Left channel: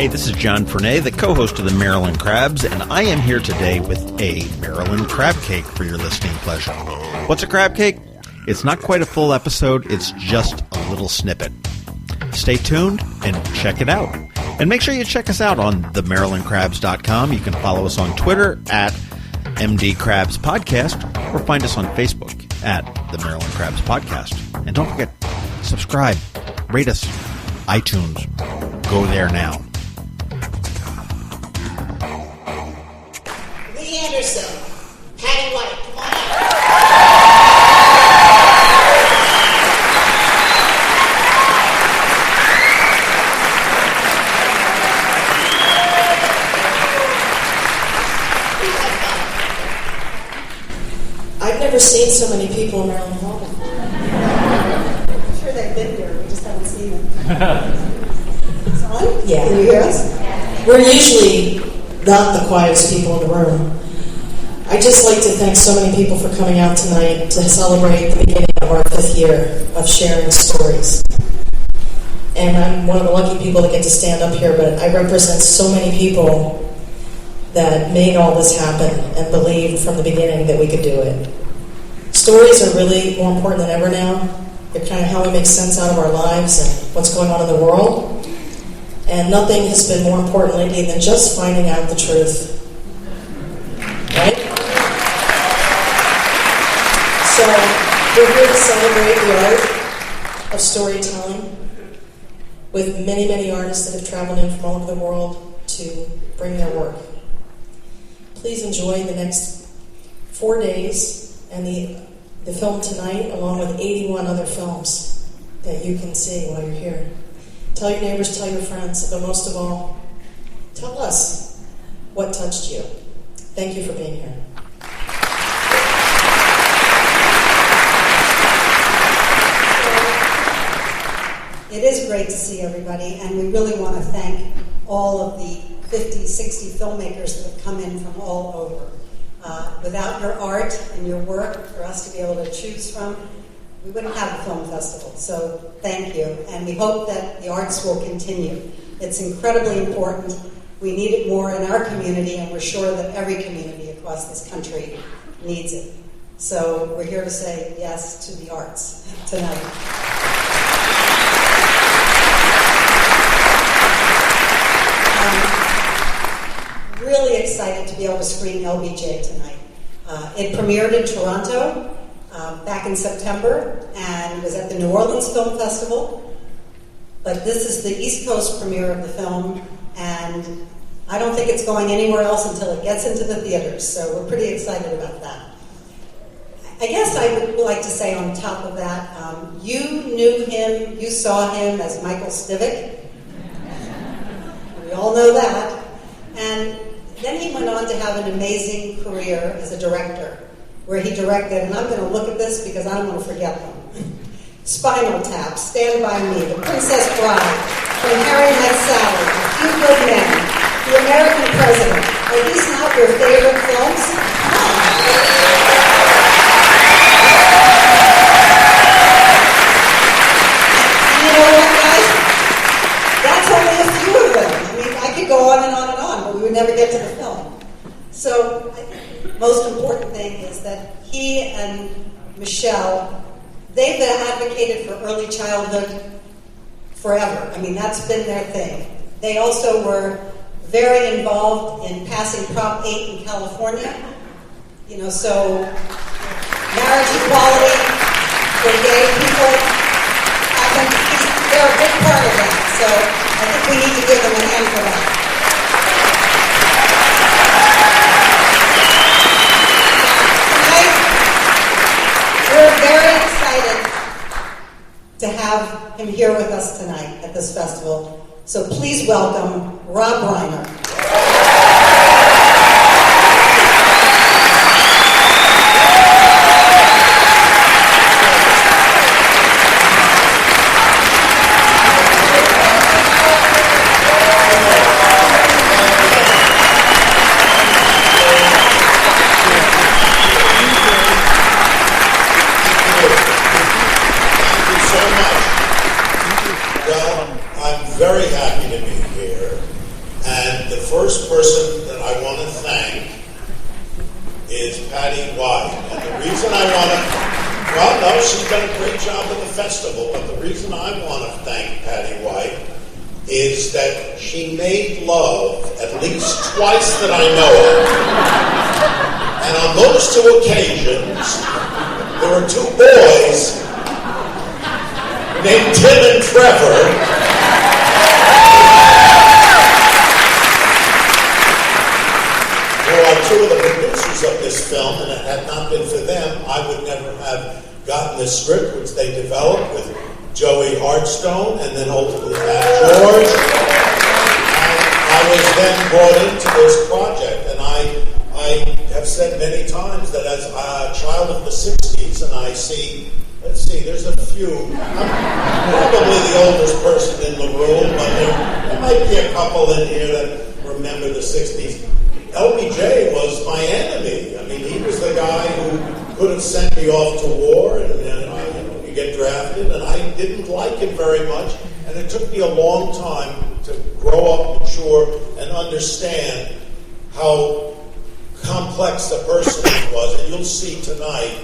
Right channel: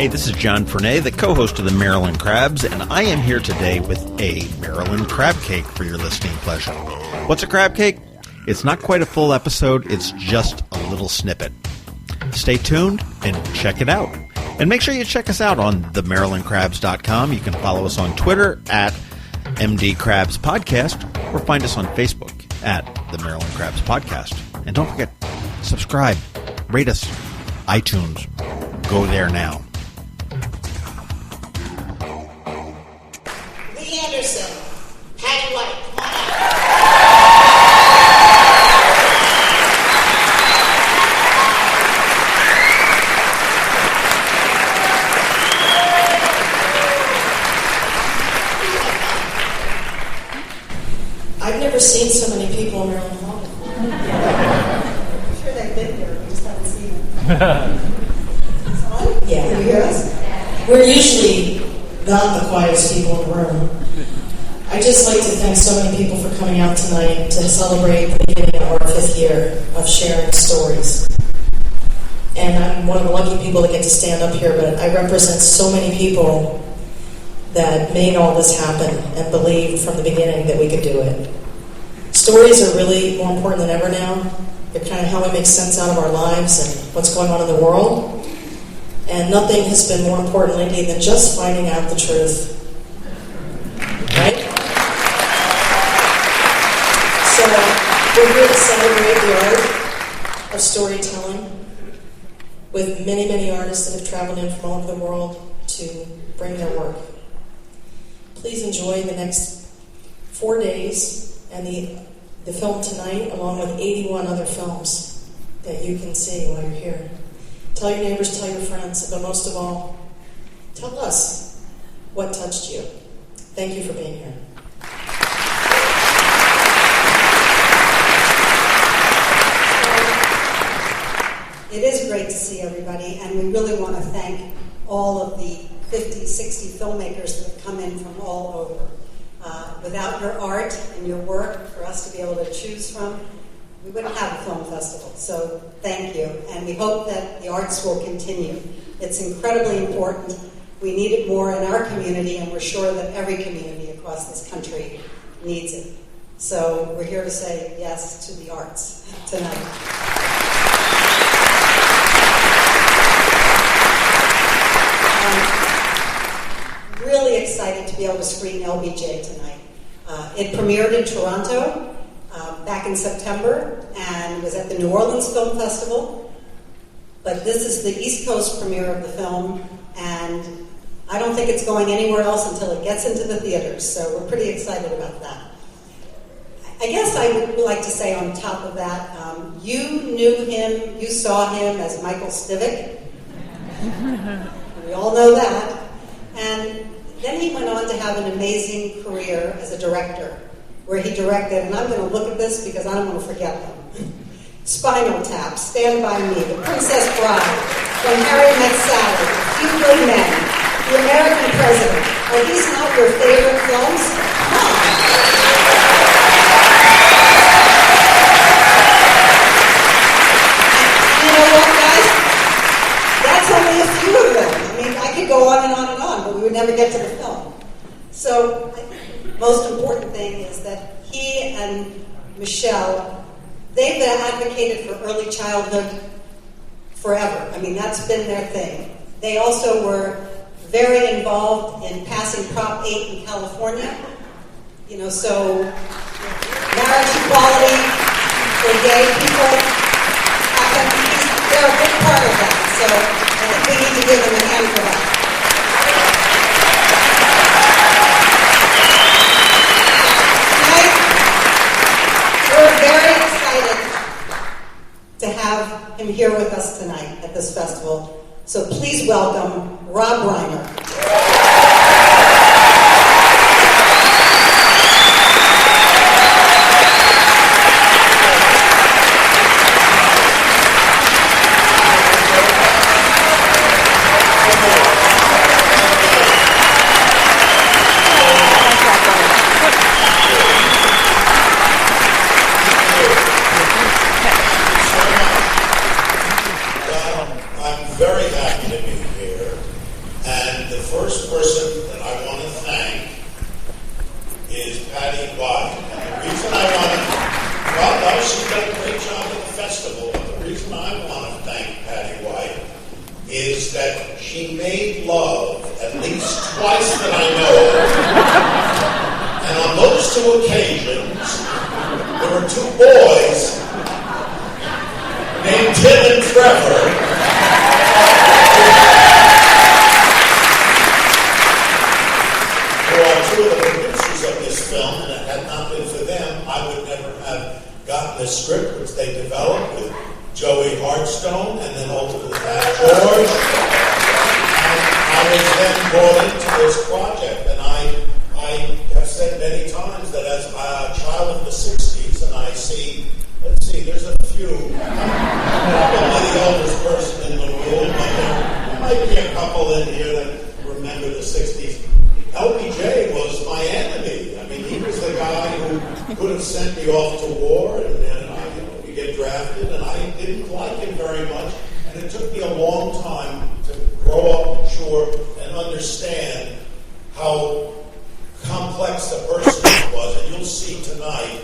Hey, this is John Fernay, the co-host of the Maryland Crabs, and I am here today with a Maryland Crabcake for your listening pleasure. What's a crabcake? It's not quite a full episode, it's just a little snippet. Stay tuned and check it out. And make sure you check us out on themarylandcrabs.com. You can follow us on Twitter at MD Crabs Podcast, or find us on Facebook at the Maryland Crabs Podcast. And don't forget, subscribe, rate us, iTunes. Go there now. Anderson, Patty White, come on out. I've never seen so many people in Maryland Hall before. I'm sure they've been here, we just haven't seen them. It's on? Yeah. Can you hear us? We're usually not the quietest people in the room. I'd just like to thank so many people for coming out tonight to celebrate the beginning of our 5th year of sharing stories. And I'm one of the lucky people that get to stand up here, but I represent so many people that made all this happen and believed from the beginning that we could do it. Stories are really more important than ever now. They're kind of how we make sense out of our lives and what's going on in the world. And nothing has been more important lately than just finding out the truth. Right? So, we're here to celebrate the art of storytelling with many, many artists that have traveled in from all over the world to bring their work. Please enjoy the next 4 days and the film tonight, along with 81 other films that you can see while you're here. Tell your neighbors, tell your friends, but most of all, tell us what touched you. Thank you for being here. It is great to see everybody, and we really want to thank all of the 50, 60 filmmakers that have come in from all over. Without your art and your work for us to be able to choose from, we wouldn't have a film festival. So thank you, and we hope that the arts will continue. It's incredibly important. We need it more in our community, and we're sure that every community across this country needs it. So we're here to say yes to the arts tonight. Really excited to be able to screen LBJ tonight. It premiered in Toronto back in September and was at the New Orleans Film Festival. But this is the East Coast premiere of the film, and I don't think it's going anywhere else until it gets into the theaters, so we're pretty excited about that. I guess I would like to say on top of that, you knew him, you saw him as Michael Stivic. We all know that. And then he went on to have an amazing career as a director, where he directed, and I'm going to look at this because I don't want to forget them. Spinal Tap, Stand By Me, The Princess Bride, When Harry Met Sally, A Few Good Men, The American President. Are these not your favorite films? And you know what, guys? That's only a few of them. I mean, I could go on and on and on, but we would never get to the film. So, the most important thing is that he and Michelle, they've been advocated for early childhood forever. I mean, that's been their thing. They also were very involved in passing Prop 8 in California. You know, so marriage equality for gay people, they're a big part of that. So I think we need to give them a hand for that. We're very excited to have him here with us tonight at this festival. So please welcome Rob Reiner. first person that I want to thank is Patty White. And the reason I want to, well, no, she's done a great job at the festival, but the reason I want to thank Patty White is that she made love at least twice that I know of. And on those two occasions, there were two boys named Tim and Trevor who are two of the producers of this film, and it had not been for them, I would never have gotten this script, which they developed with Joey Hartstone, and then ultimately George. And I was then brought into this project, and I have said many times that as a child of the 60s, and I see, let's see, there's a few, I'm probably the oldest person in the room, but there might be a couple in here that remember the 60s. LBJ was my enemy. I mean, he was the guy who could have sent me off to war, and I get drafted, and I didn't like him very much, and it took me a long time to grow up, mature, and understand how complex a person he was. And you'll see tonight,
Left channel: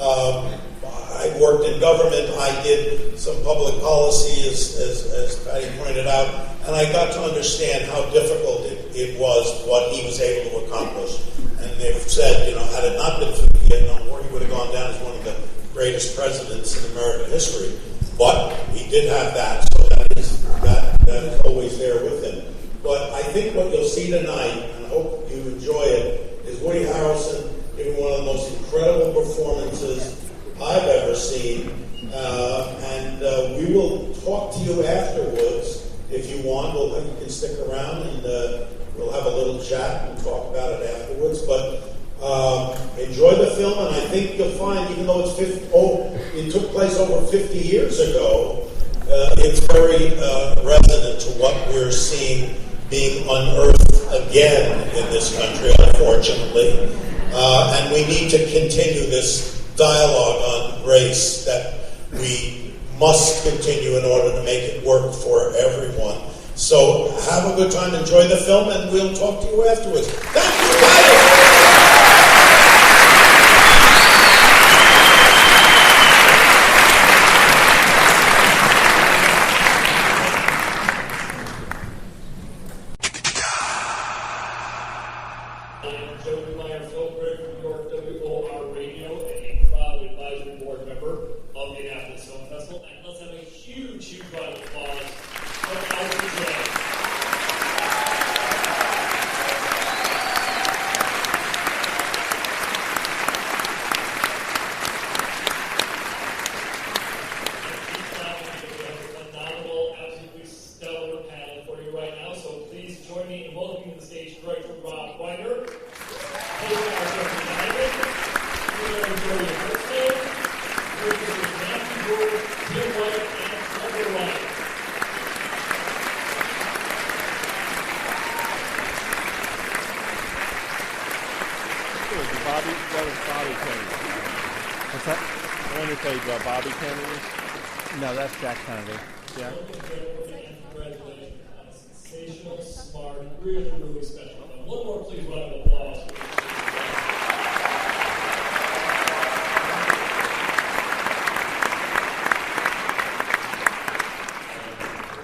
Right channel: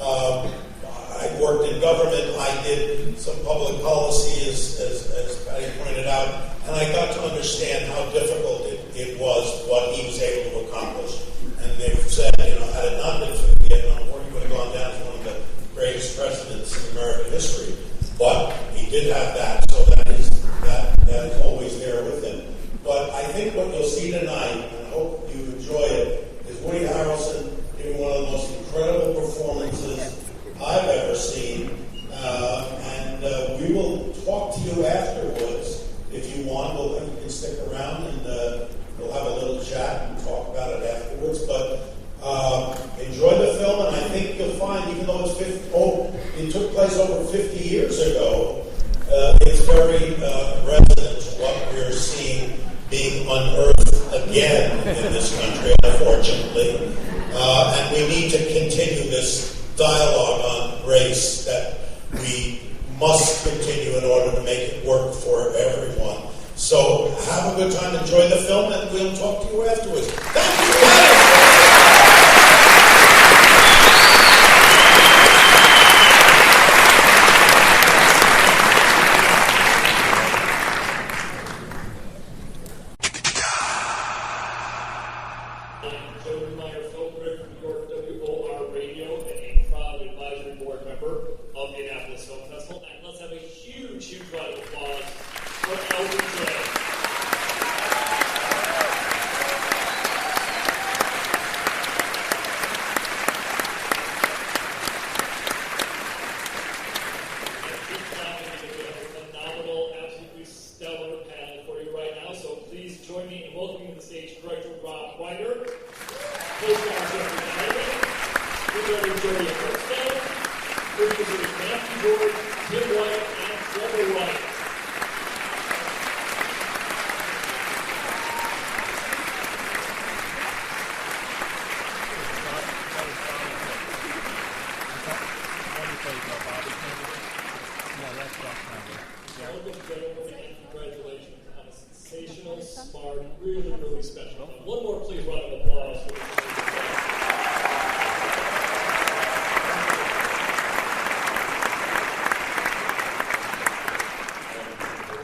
I worked in government, I did some public policy, as Patty pointed out, and I got to understand how difficult it was, what he was able to accomplish. And they've said, had it not been for the Vietnam War, he would have gone down as one of the greatest presidents in American history. But he did have that, so that is always there with him. But I think what you'll see tonight, and I hope you enjoy it, is Woody Harrelson giving one of the most incredible performances I've ever seen. And we will talk to you afterwards if you want. You can stick around and we'll have a little chat and talk about it afterwards. But enjoy the film, and I think you'll find, even though it took place over 50 years ago, it's very resonant to what we're seeing being unearthed again in this country, unfortunately. And we need to continue this dialogue on race that we must continue in order to make it work for everyone. So have a good time, enjoy the film, and we'll talk to you afterwards. Thank you, Patty! Joey Hartstone, film critic from New York WOR Radio, and a proud advisory board member of the Annapolis Film Festival. And let's have a huge round of applause for LBJ. Phenomenal, absolutely stellar panel for you right now. So please join me in welcoming to the stage director Rob Reiner, co-star Jeffrey Donovan, screenwriter Joey Hartstone, producers Matthew George, Tim White, and Trevor White. Bobby Kennedy? No, that's Jack Kennedy. Yeah. Congratulations on a sensational, smart, really special film. One more, please, round of applause.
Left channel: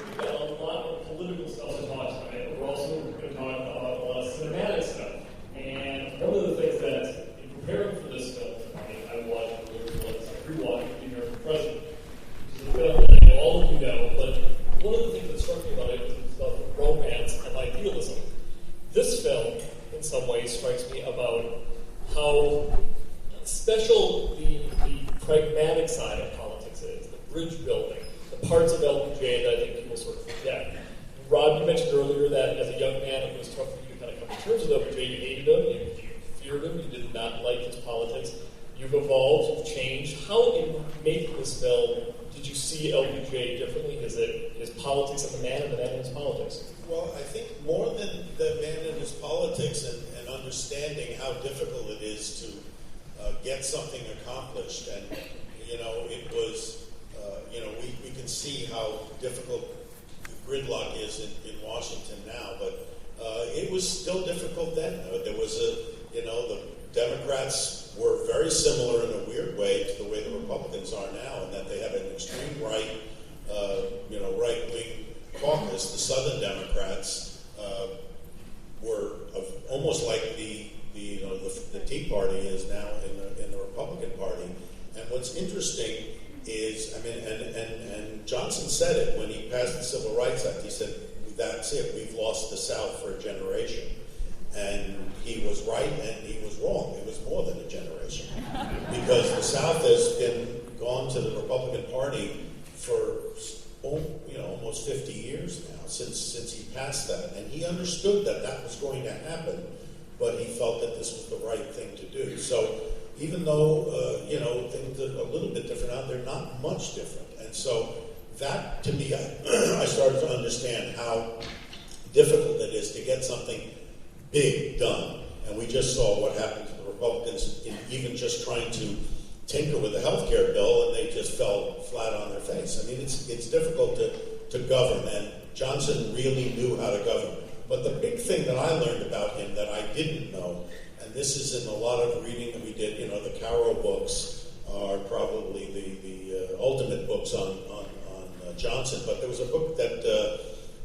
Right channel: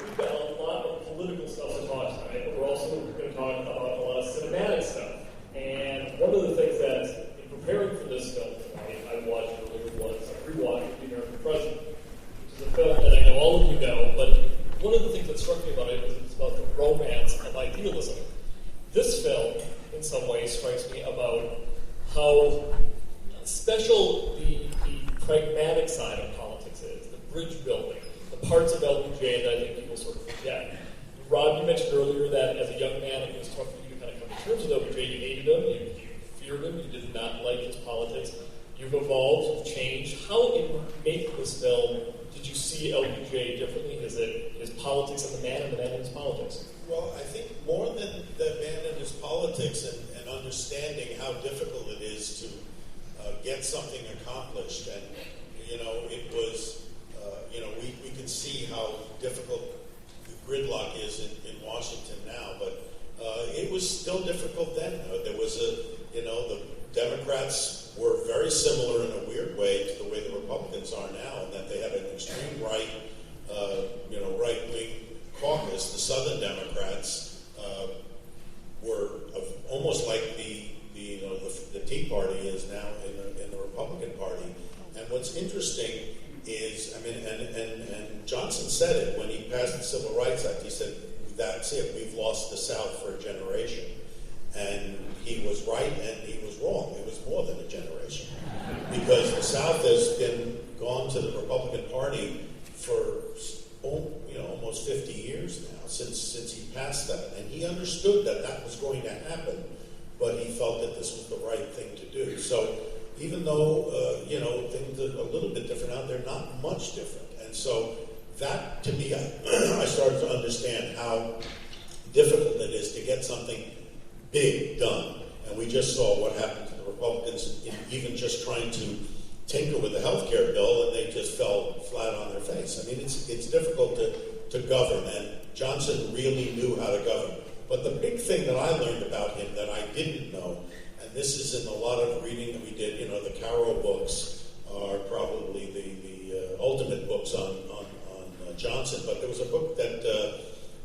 We've got a lot of political stuff to talk tonight, but we're also going to talk about a lot of cinematic stuff. And one of the things that, in preparing for this film, I watched earlier was I rewatched The American President, which is a film that I know all of you know, but one of the things that struck me about it was it's about the romance of idealism. This film, in some ways, strikes me about how special the pragmatic side of politics is, the bridge building, the parts of LBJ that I think people sort of forget. Rob, you mentioned earlier that as a young man, it was tough for you to kind of come to terms with LBJ. You hated him, you feared him, you did not like his politics. You've evolved, you've changed. How, in making this film, did you see LBJ differently? Is it his politics and the man in his politics? Well, I think more than the man and his politics and understanding how difficult it is to get something accomplished. And, it was, we can see how difficult the gridlock is in Washington now, but it was still difficult then. There was the Democrats were very similar in a weird way to the way the Republicans are now, in that they had an extreme right, right-wing caucus. The Southern Democrats were almost like the Tea Party is now in the Republican Party. And what's interesting is, and Johnson said it when he passed the Civil Rights Act. He said, "That's it. We've lost the South for a generation." And he was right, and he was wrong. It was more than a generation, because the South has been gone to the Republican Party for almost 50 years now since he passed that, and he understood that was going to happen, but he felt that this was the right thing to do. So even though things are a little bit different out there, not much different, and so that to me, I started to understand how difficult it is to get something big done. And we just saw what happened to the Republicans in even just trying to tinker with the health care bill, and they just fell flat on their face. I mean, it's difficult to govern, and Johnson really knew how to govern. But the big thing that I learned about him that I didn't know, and this is in a lot of reading that we did, the Caro books are probably the ultimate books on Johnson, but there was a book that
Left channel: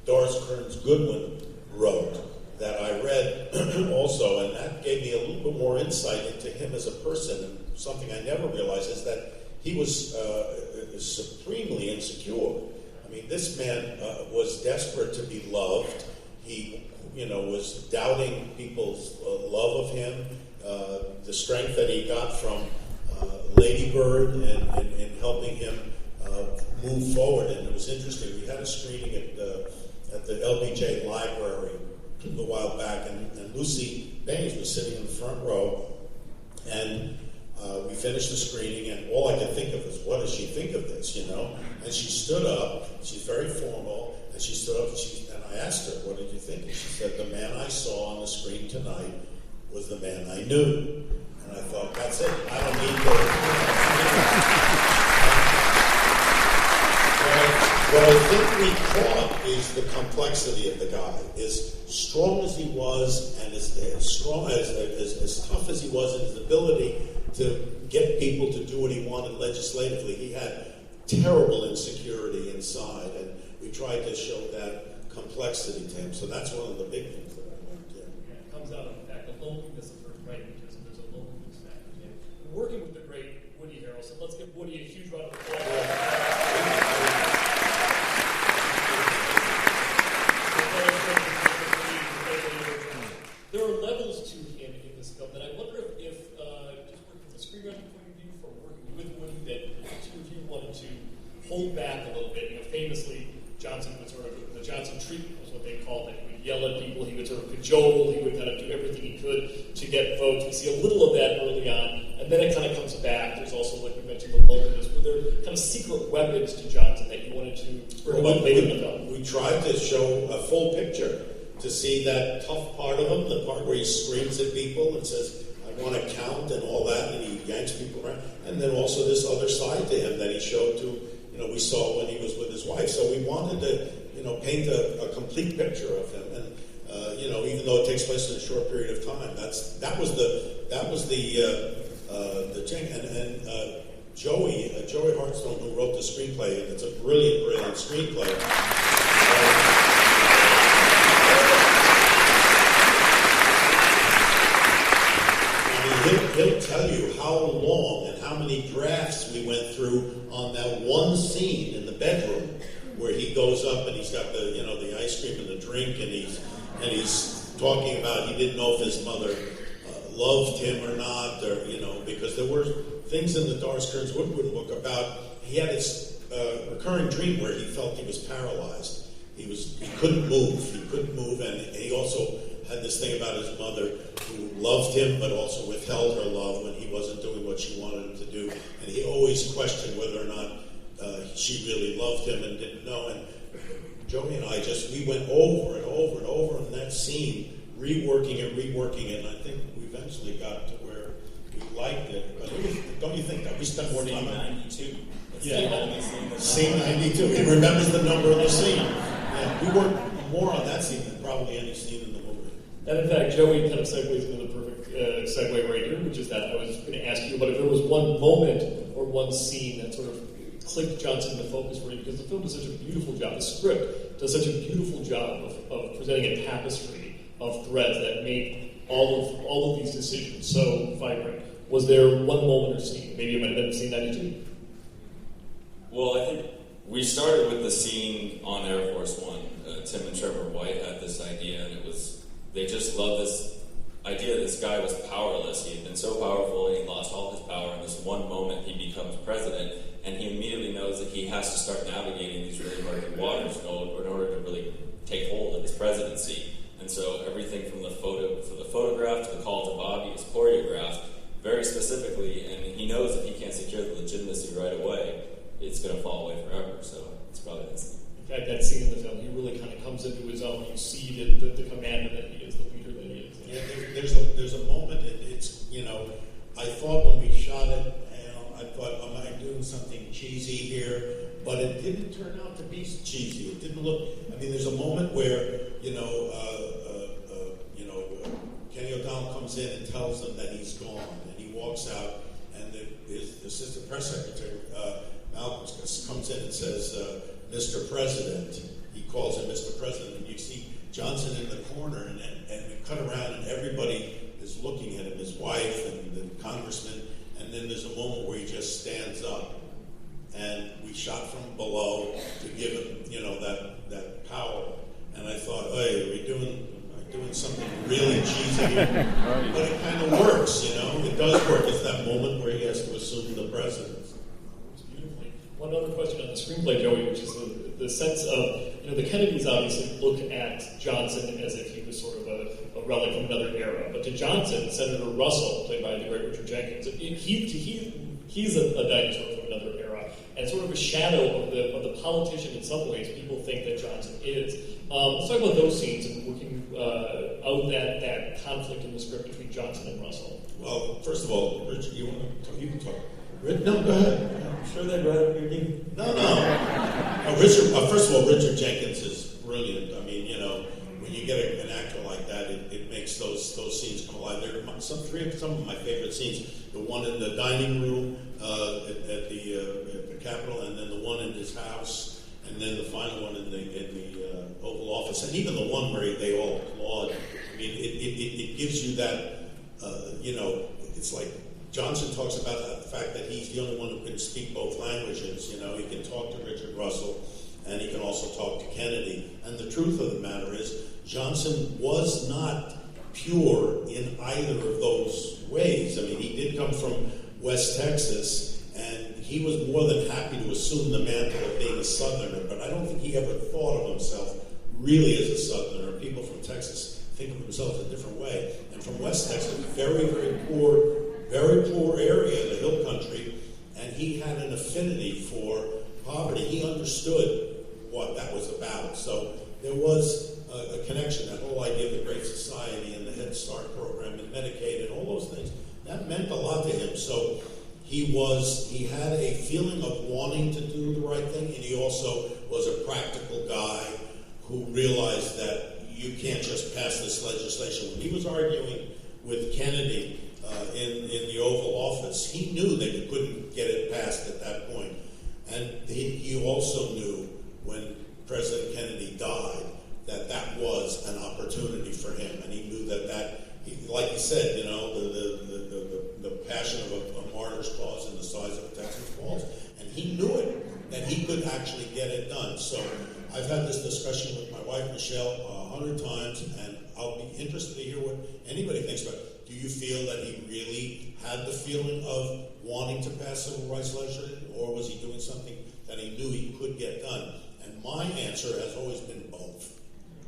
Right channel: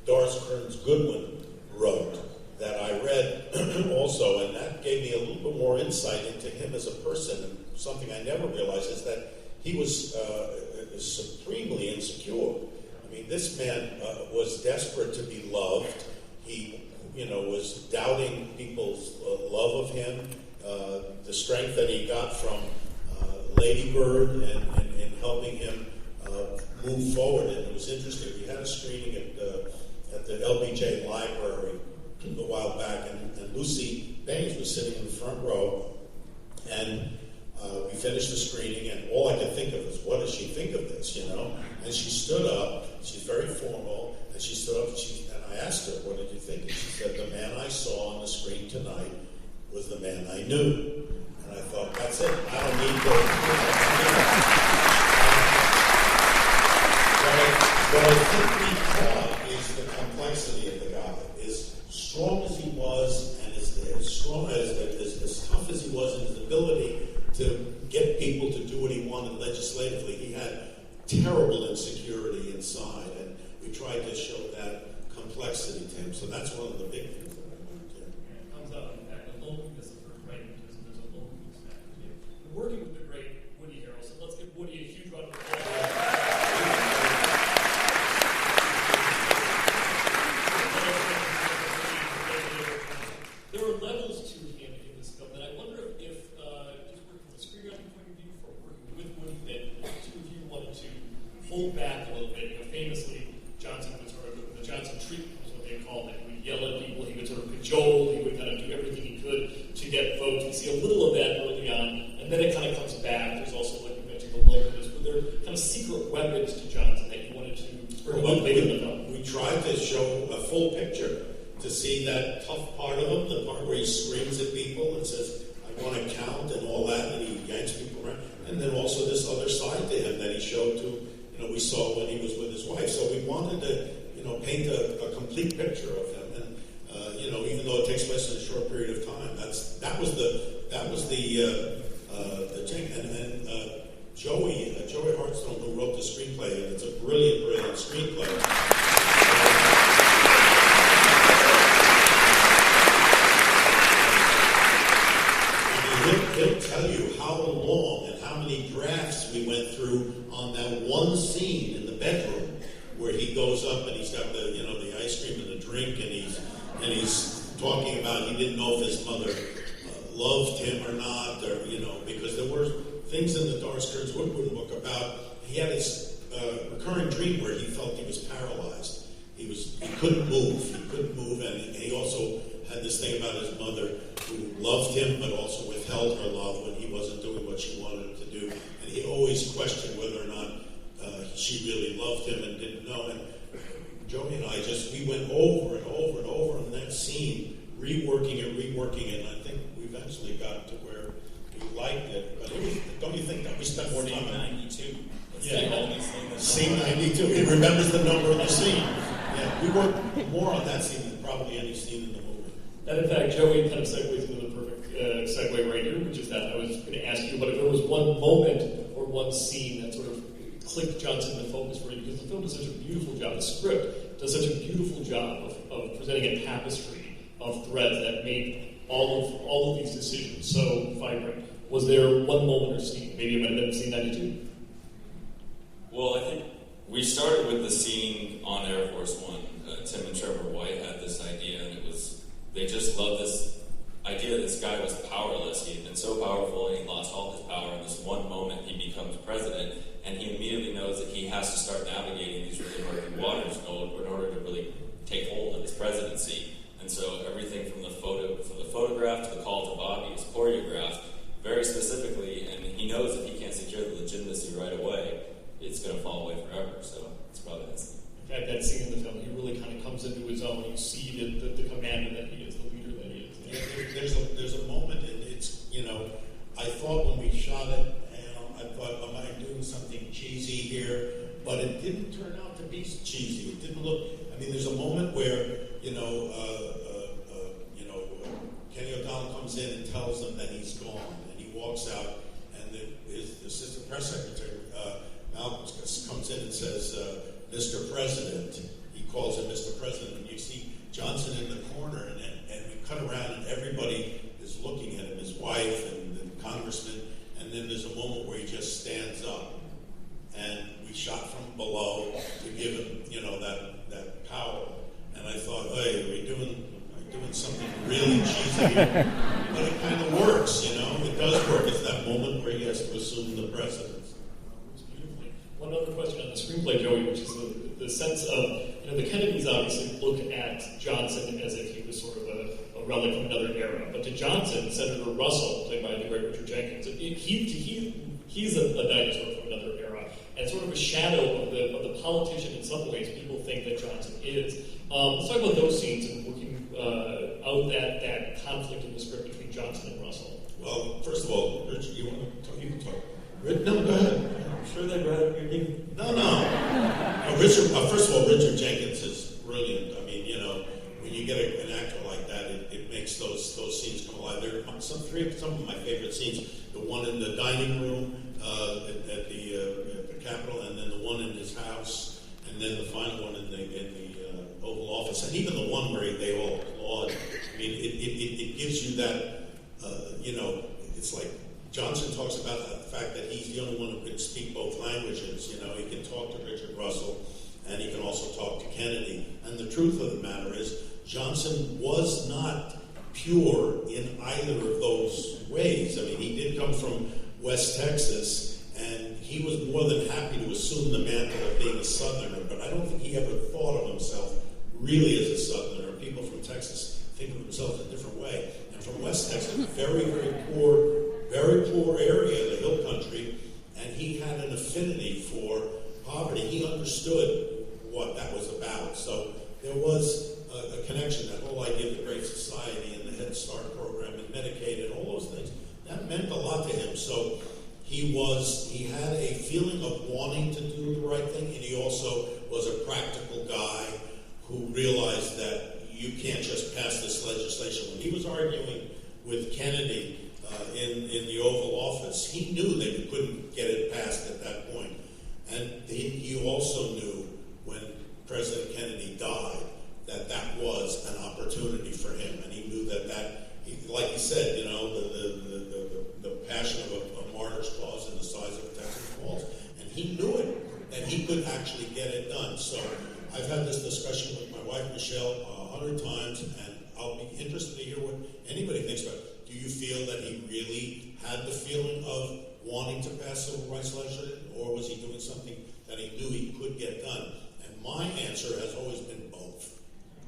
Doris Kearns Goodwin wrote that I read also, and that gave me a little bit more insight into him as a person. And something I never realized is that he was supremely insecure. I mean, this man was desperate to be loved. He, was doubting people's love of him, the strength that he got from Lady Bird and helping him move forward. And it was interesting. We had a screening at the LBJ library a while back, and Lucy Baines was sitting in the front row, and we finished the screening, and all I could think of was, what does she think of this, And she stood up, she's very formal, and she stood up, and I asked her, what did you think? And she said, the man I saw on the screen tonight was the man I knew. And I thought, that's it, I don't need to... What I think we caught is the complexity of the guy. As strong as he was, and as tough as he was in his ability to get people to do what he wanted legislatively, he had terrible insecurity inside, and we tried to show that complexity to him. So that's one of the big things that I learned here. It comes out, in fact, the loneliness of her pragmatism. There's a loneliness factor here. We're working with the great Woody Harrelson. Let's give Woody a huge round of applause. There are levels to him in this film that I wonder if just working from a screenwriting point of view, for working with Woody, that the two of you wanted to hold back a little bit. Famously, Johnson would sort of, the Johnson treatment was what they called it. He would yell at people, he would sort of cajole, he would kind of do everything he could to get votes. We see a little of that early on, and then it kind of comes back. There's also, like we mentioned, the loneliness. Were there kind of secret weapons to Johnson that you wanted to bring up later in the film? We tried to show a full picture, to see that tough part of him, the part where he screams at people and says, I want to count and all that, and he yanks people around. And then also this other side to him that he showed to, we saw when he was with his wife. So we wanted to, paint a complete picture of him. And, even though it takes place in a short period of time, that was the thing. And Joey Hartstone, who wrote the screenplay, and it's a brilliant screenplay. He'll tell you how long and how many drafts we went through on that one scene in the bedroom where he goes up and he's got the ice cream and the drink, and he's talking about he didn't know if his mother loved him or not, or because there were things in the Doris Kearns Goodwin book about he had this recurring dream where he felt he was paralyzed. He couldn't move, and he also had this thing about his mother who loved him but also withheld her love when he wasn't doing what she wanted him to do. And he always questioned whether or not she really loved him and didn't know. And Joey and I we went over and over and over in that scene, reworking it, and I think we eventually got to where we liked it. But don't you think that we spent more time on 92? Scene 92. He remembers the number of the scene. And we worked more on that scene than probably any scene in the movie. And in fact, Joey kind of segues into the perfect segue right here, which is that I was going to ask you, but if there was one moment or one scene that sort of clicked Johnson into focus for you, because the film does such a beautiful job, the script does such a beautiful job of presenting a tapestry of threads that made all of these decisions so vibrant. Was there one moment or scene? Maybe it might have been scene 92. Well, I think we started with the scene on Air Force One. Tim and Trevor White had this idea, and they just loved this idea that this guy was powerless. He had been so powerful, and he lost all his power. In this one moment, he becomes president, and he immediately knows that he has to start navigating these really murky waters in order to really take hold of his presidency. And so everything from the photograph to the call to Bobby is choreographed very specifically, and he knows if he can't secure the legitimacy right away, it's going to fall away forever. So it's probably that scene. In fact, that scene in the film, he really kind of comes into his own. You see the commander that he is, the leader that he is. Yeah, there's a moment, it's, I thought when we shot it, I thought, am I doing something cheesy here? But it didn't turn out to be cheesy. It didn't look, there's a moment where, Kenny O'Donnell comes in and tells them that he's gone, and he walks out, and his assistant press secretary, Malcolm, comes in and says, Mr. President. He calls him Mr. President, and you see Johnson in the corner, and we cut around, and everybody is looking at him, his wife and the congressman, and then there's a moment where he just stands up, and we shot from below to give him, that power. And I thought, hey, are we doing something really cheesy here? But it kind of works, It does work. It's that moment where he has to assume the presidency. It's beautifully. One other question on the screenplay, Joey, which is the sense of, the Kennedys obviously look at Johnson as if he was sort of a relic from another era. But to Johnson, Senator Russell, played by the great Richard Jenkins, he's a dinosaur from another era, and sort of a shadow of the politician in some ways people think that Johnson is. Let's talk about those scenes and working out that conflict in the script between Johnson and Russell. Well, first of all, Richard, you want to talk? You can talk. No, go ahead. I'm sure they'd rather hear you. No. Richard. First of all, Richard Jenkins is brilliant. When you get an actor like that, it makes those scenes come alive. There are some of my favorite scenes. The one in the dining room at the Capitol, and then the one in his house, and then the final one in the Oval Office, and even the one where they all applaud. It gives you that. It's like Johnson talks about the fact that he's the only one who can speak both languages. He can talk to Richard Russell, and he can also talk to Kennedy. And the truth of the matter is, Johnson was not pure in either of those ways. He did come from West Texas, and he was more than happy to assume the mantle of being a Southerner, but I don't think he ever thought of himself really as a Southerner. People from Texas think of themselves a different way. And from West Texas, very, very poor area, the hill country, and he had an affinity for poverty. He understood what that was about. So there was a connection, that whole idea of the Great Society and the Head Start program and Medicaid and all those things. That meant a lot to him. So he had a feeling of wanting to do the right thing, and he also was a practical guy who realized that you can't just pass this legislation. When he was arguing with Kennedy in the Oval Office, he knew that you couldn't get it passed at that point. And he also knew when President Kennedy died that was an opportunity for him. And he knew that like he said, the passion of a martyr's cause in the size of a Texas Falls. And he knew it, that he could actually get it done. So I've had this discussion with my wife, Michelle, 100 times, and I'll be interested to hear what anybody thinks about it. Do you feel that he really had the feeling of wanting to pass civil rights legislation, or was he doing something that he knew he could get done? And my answer has always been both.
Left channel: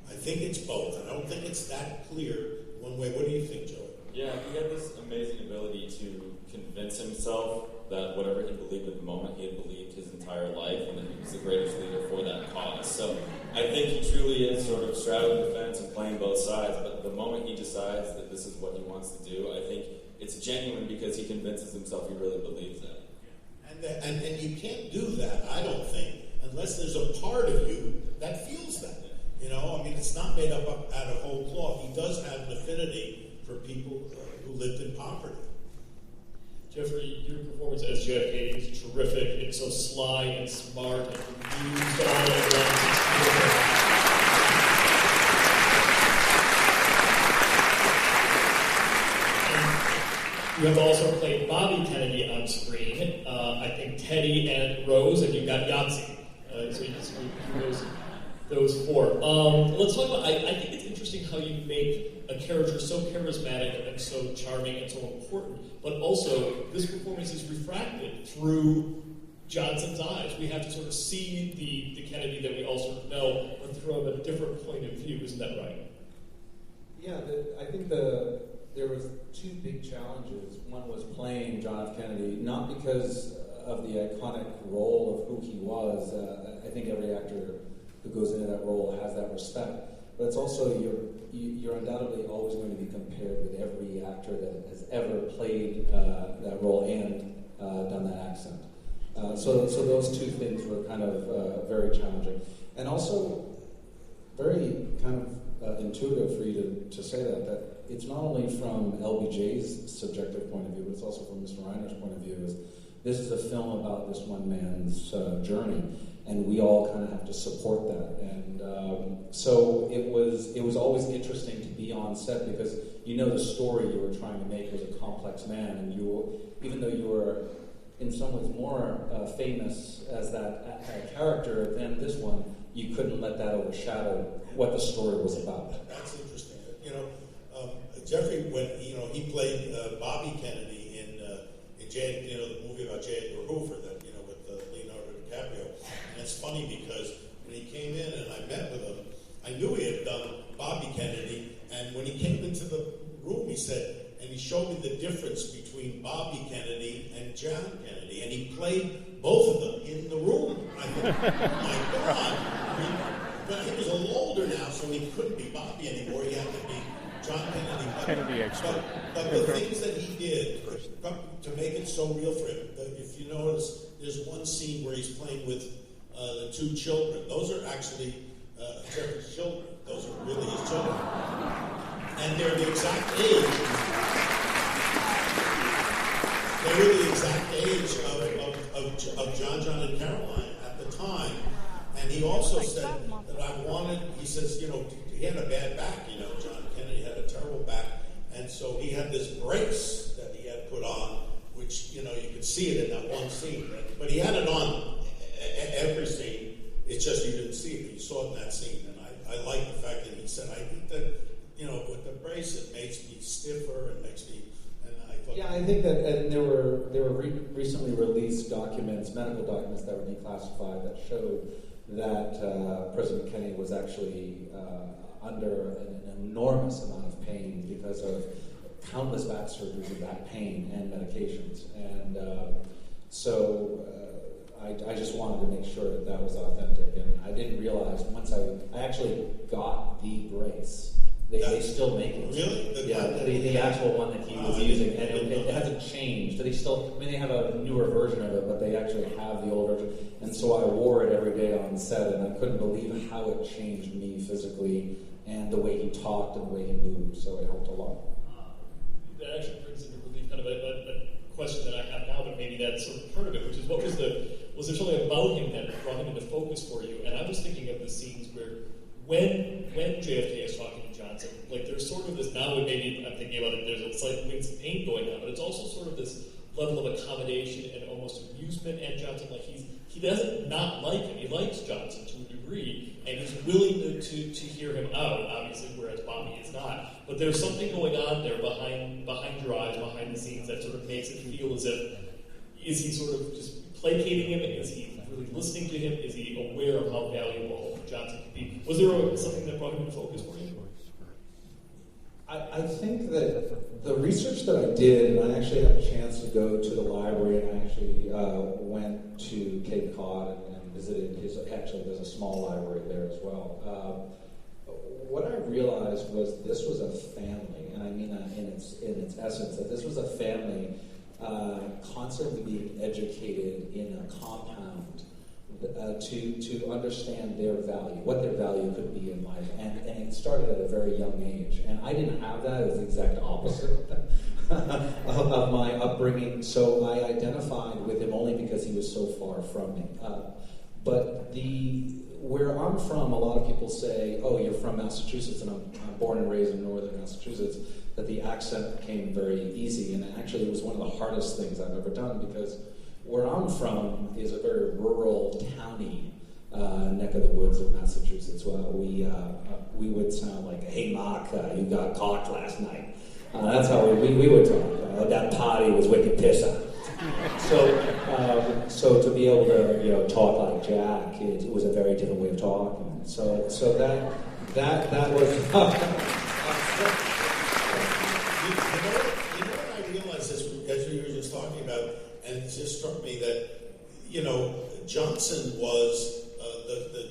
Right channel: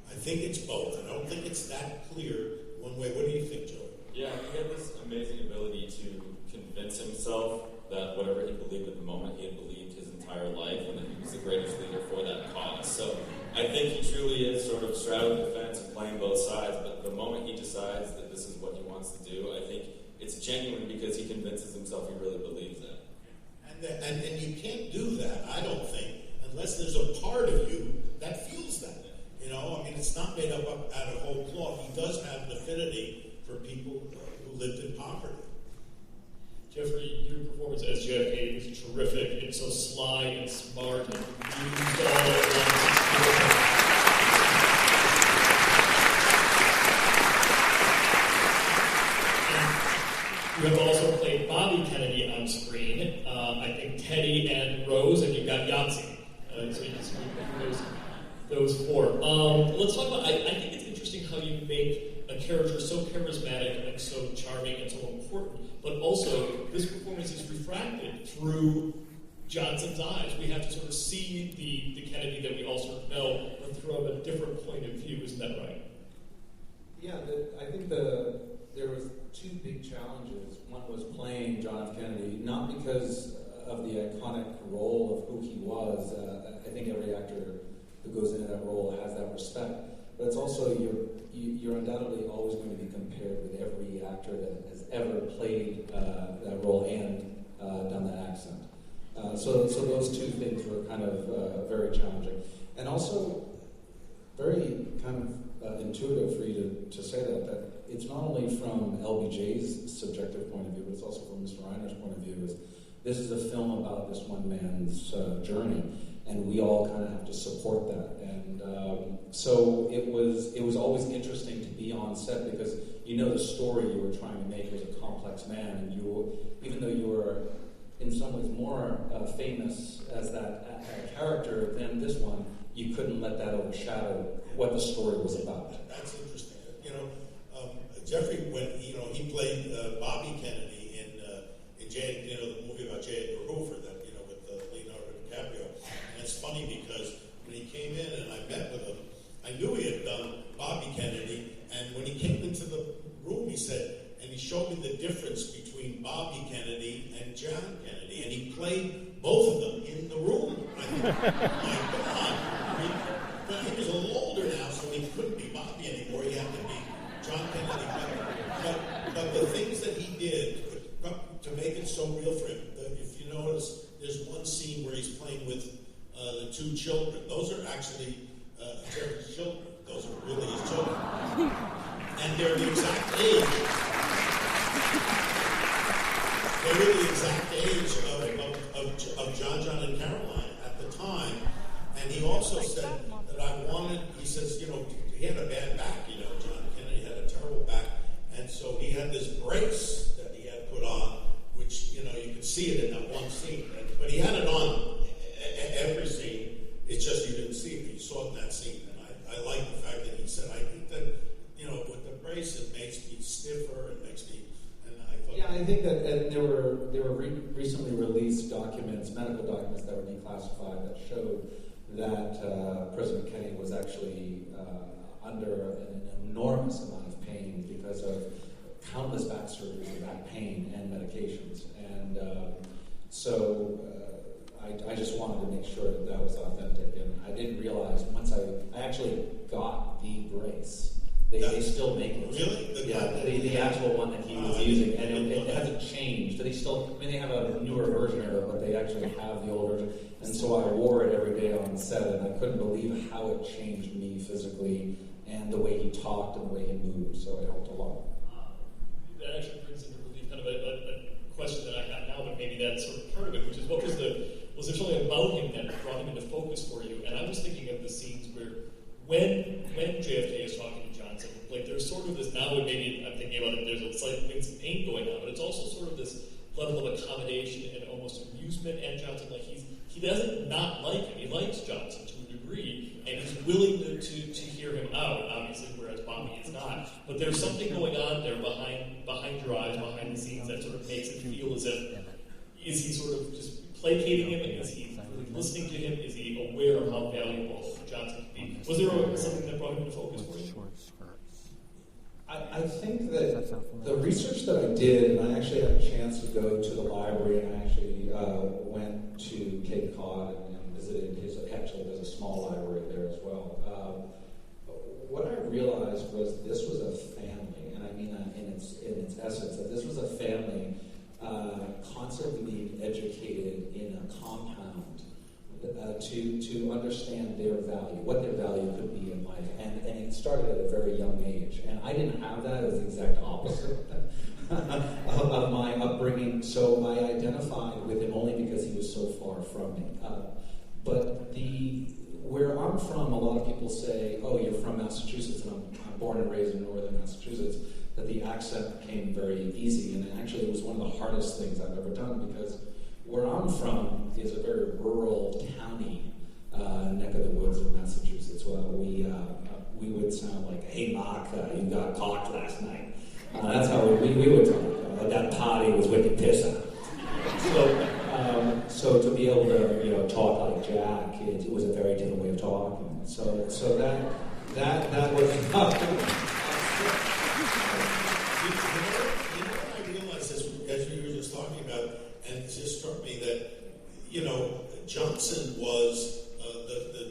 I think it's both, and I don't think it's that clear one way. What do you think, Joey? Yeah, he had this amazing ability to convince himself that whatever he believed at the moment, he had believed his entire life, and that he was the greatest leader for that cause. So I think he truly is sort of straddling the fence and playing both sides, but the moment he decides that this is what he wants to do, I think it's genuine because he convinces himself he really believes that. And you can't do that, I don't think, unless there's a part of you that feels that. it's not made up out of whole cloth. He does have an affinity for people who lived in poverty. Jeffrey, your performance as JFK is terrific. It's so sly and smart and used all at once. You have also played Bobby Kennedy on screen. I think Teddy and Rose, and you've got Yahtzee. So you just those four. Let's talk about. I think it's interesting how you make a character so charismatic and so charming and so important, but also this performance is refracted through Johnson's eyes. We have to sort of see the Kennedy that we all sort of know, but from a different point of view. Isn't that right? Yeah, I think there was two big challenges. One was playing John F. Kennedy, not because of the iconic role of who he was. I think every actor who goes into that role has that respect. But it's also, you're undoubtedly always going to be compared with every actor that has ever played that role and done that accent. So those two things were kind of very challenging. And also very kind of intuitive for you to say that it's not only from LBJ's subjective point of view, but it's also from Mr. Reiner's point of view. This is a film about this one man's journey, and we all kind of have to support that. And so it was always interesting to be on set because the story you were trying to make was a complex man, and even though you were in some ways more famous as that character than this one, you couldn't let that overshadow what the story was about. That's interesting. Jeffrey, when he played Bobby Kennedy in the movie about J. Edgar Hoover, that with Leonardo DiCaprio, and it's funny because when he came in and I met with him, I knew he had done Bobby Kennedy, and when he came into the room, he said, and he showed me the difference between Bobby Kennedy and John Kennedy, and he played both of them in the room. I thought, oh my God. But he was a little older now, so he couldn't be Bobby anymore. He had to be John Kennedy. But the things that he did to make it so real for him, if you notice, there's one scene where he's playing with the two children. Those are actually Jeffrey's children. Those are really his children. And they're the exact age. They were the exact age of John and Caroline at the time. And he also said that he says, he had a bad back, John Kennedy had a terrible back. And so he had this brace that he had put on, which, you could see it in that one scene. But he had it on every scene. It's just you didn't see it. You saw it in that scene. And I like the fact that he said, I think that, with the brace, it makes me stiffer, it makes me... Yeah, I think that there were recently released medical documents that were declassified that showed that President Kennedy was actually under an enormous amount of pain because of countless back surgeries and back pain and medications. And so I just wanted to make sure that was authentic. And I didn't realize once I actually got the brace. They still make it. Really? Yeah, the actual one that he was using, and it hasn't changed. They have a newer version of it, but they actually have the old version. And so I wore it every day on set, and I couldn't believe how it changed me physically, and the way he talked and the way he moved. So it helped a lot. That actually brings into relief kind of a question that I have now, but maybe that's sort of part of it, which is was there something about him that brought him into focus for you? And I was thinking of the scenes where when JFK is talking to Johnson, there's sort of this, now maybe I'm thinking about it, there's a slight wince of pain going on, but it's also sort of this level of accommodation and almost amusement at Johnson. He doesn't not like him. He likes Johnson to a degree, and he's willing to hear him out, obviously, whereas Bobby is not. But there's something going on there behind your eyes, behind the scenes, that sort of makes it feel as if, is he sort of just placating him? Is he really listening to him? Is he aware of how valuable Johnson could be? Was there something that brought him into focus for you? I think that the research that I did, and I actually had a chance to go to the library, and I actually went to Cape Cod and visited there's a small library there as well. What I realized was this was a family, and I mean in its essence, that this was a family constantly being educated in a compound to understand their value, what their value could be in life, and it started at a very young age. And I didn't have that; it was the exact opposite of my upbringing. So I identified with him only because he was so far from me. But where I'm from, a lot of people say, "Oh, you're from Massachusetts," and I'm born and raised in northern Massachusetts. That the accent came very easy, and actually it was one of the hardest things I've ever done because where I'm from is a very rural, towny neck of the woods of Massachusetts. Well, we would sound like, "Hey, Mark, you got caught last night." That's how we would talk. That party was wicked pisser. So to be able to talk like Jack, it was a very different way of talking. So that was. You know what I realized as we were just talking about, and it just struck me that, Johnson was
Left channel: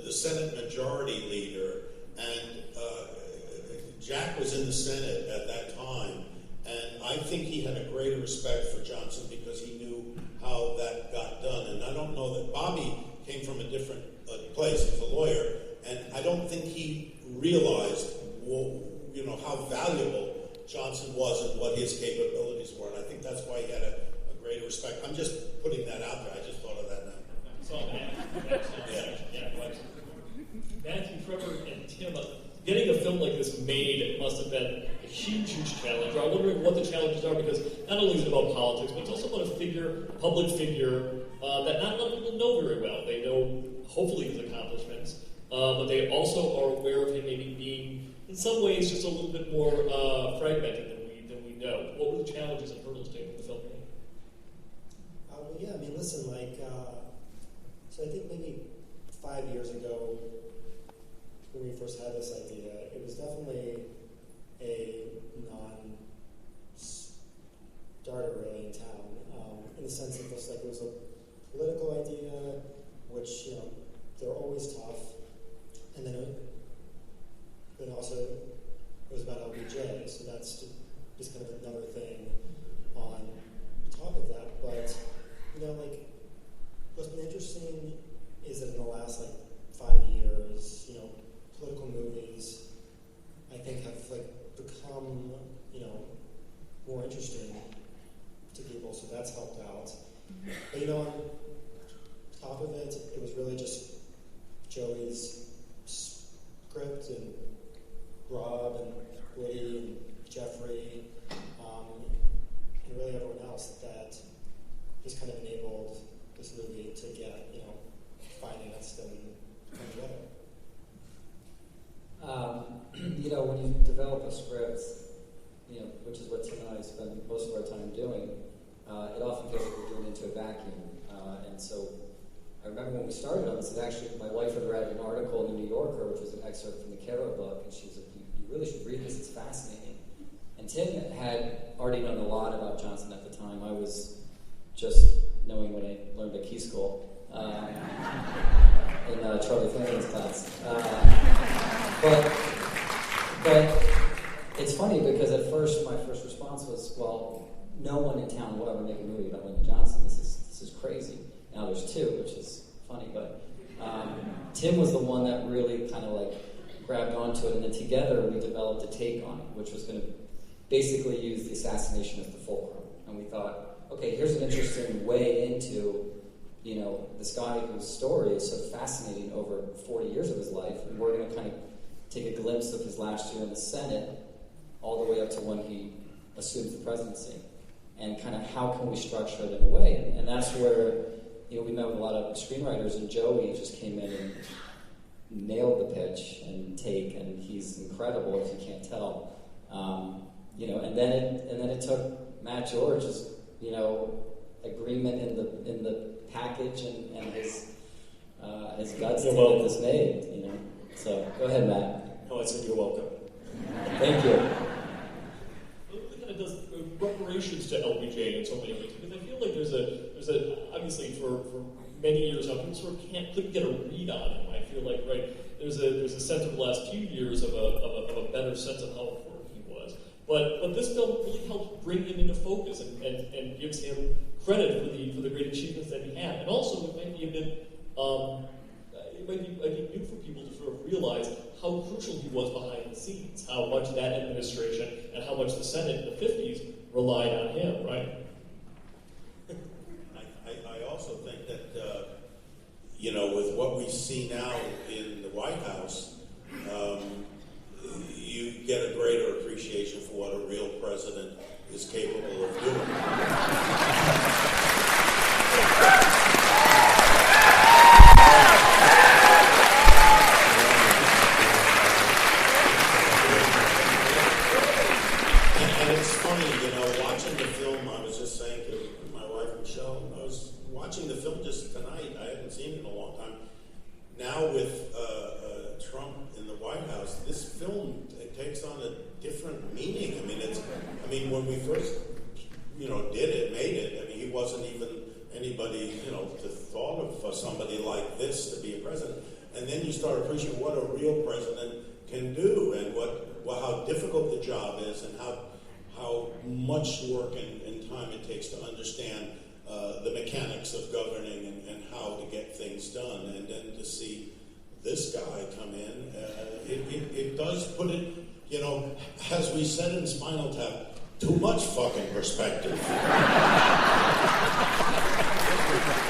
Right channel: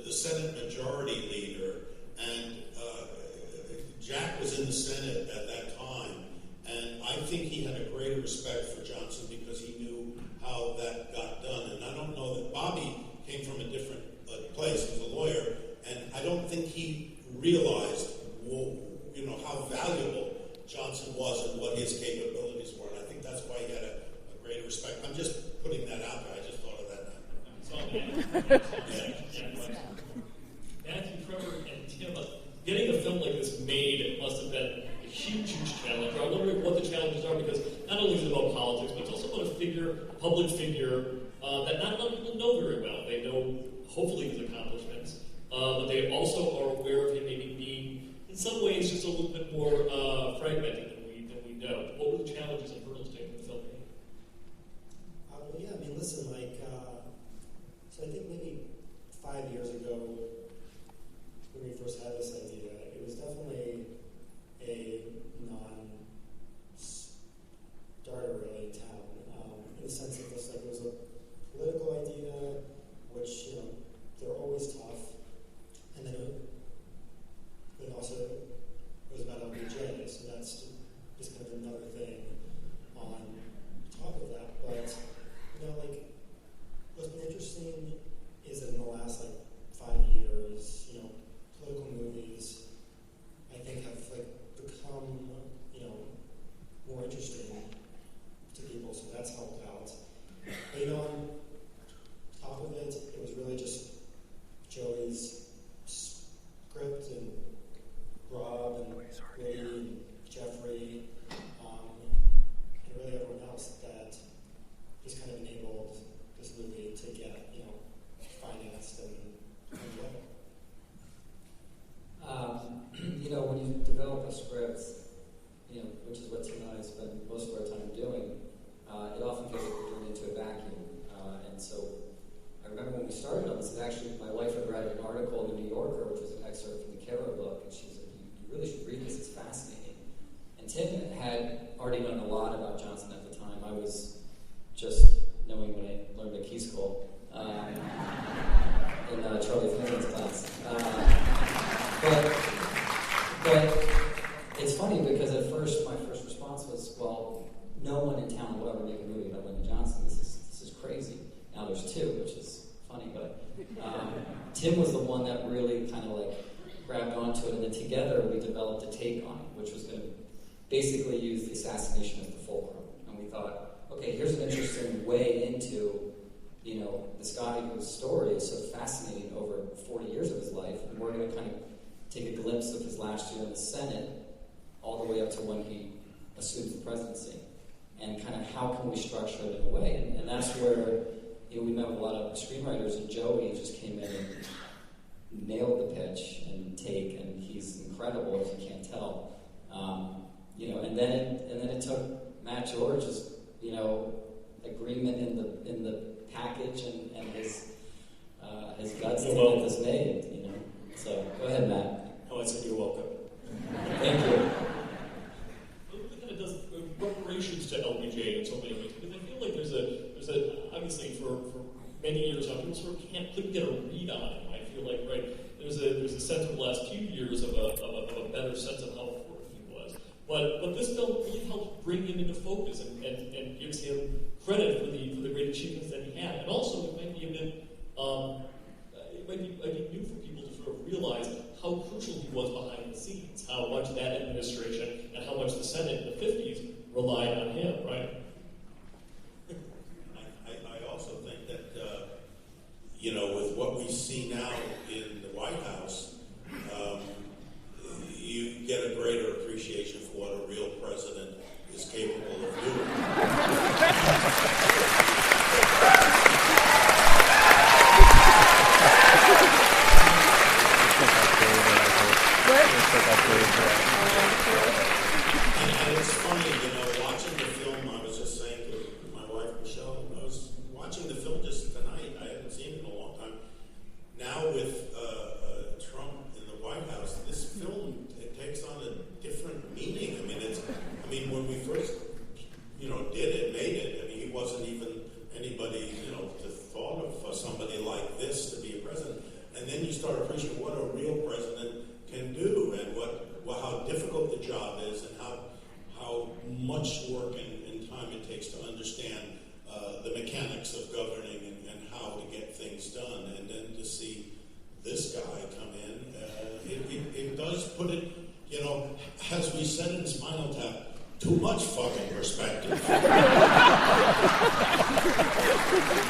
the Senate Majority Leader, and Jack was in the Senate at that time, and I think he had a greater respect for Johnson because he knew how that got done. And I don't know that Bobby came from a different place as a lawyer, and I don't think he realized, how valuable Johnson was and what his capabilities were, and I think that's why he had a greater respect. I'm just putting that out there. I just thought of that now. Matthew, Trevor, and Tim, getting a film like this made must have been a huge challenge. I'm wondering what the challenges are, because not only is it about politics, but it's also about a public figure, that not a lot of people know very well. They know, hopefully, his accomplishments, but they also are aware of him maybe being, in some ways, just a little bit more fragmented than we know. What were the challenges and hurdles to the film? Listen, so I think maybe 5 years ago, when we first had this idea, it was definitely a non-starter really in town, in the sense that it was a political idea, which, they're always tough, and then also it was about LBJ, so that's just kind of another thing on top of that. But what's been interesting is that in the last 5 years, political movies, I think, have become more interesting to people, so that's helped out. But on top of it, it was really just Joey's script and Rob and Wiley and Jeffrey, and really everyone else that just kind of enabled this movie to get, financed and together. When you develop a script, which is what Tim and I spend most of our time doing, it often feels like we're doing into a vacuum. And so I remember when we started on this, my wife had read an article in the New Yorker, which was an excerpt from the Kara book, and she was like, you really should read this, it's fascinating. And Tim had already known a lot about Johnson at the time. I was just knowing what I learned at Key School in Charlie Flanagan's class. But it's funny because at first my first response was, well, no one in town will ever make a movie about Lyndon Johnson. This is crazy. Now there's two, which is funny, but Tim was the one that really kind of grabbed onto it, and then together we developed a take on it, which was going to basically use the assassination as the fulcrum. And we thought, okay, here's an interesting way into, this guy whose story is so fascinating over 40 years of his life, and we're going to kind of take a glimpse of his last year in the Senate all the way up to when he assumes the presidency, and kind of how can we structure it in a way. And that's where, we met with a lot of screenwriters, and Joey just came in and nailed the pitch and take, and he's incredible if you can't tell. And then it took Matt George's, agreement in the package and his guts to get this made, So go ahead, Matt. No, I said you're welcome. Thank you. It kind of does reparations to LBJ in so many ways, because I feel like there's a obviously for many years now people sort of couldn't get a read on him. I feel like there's a sense of the last few years of a better sense of how important he was. But this film really helps bring him into focus and gives him credit for the great achievements that he had. And also it might be a bit it might be new for people to sort of realize how crucial he was behind the scenes, how much that administration and how much the Senate in the 50s relied on him, right? I also think that, with what we see now in the White House, you get a greater appreciation for what a real president is capable of doing. And it's funny, watching the film, I was just saying to my wife, Michelle, I was watching the film just tonight. I hadn't seen it in a long time. Now with Trump in the White House, this film takes on a different meaning. When we first, made it, he wasn't even anybody, to thought of somebody like this to be a president. And then you start appreciating what a real president can do and how difficult the job is and how much work and time it takes to understand the mechanics of governing and how to get things done. And then to see this guy come in, it does put it, as we said in Spinal Tap, too much fucking perspective.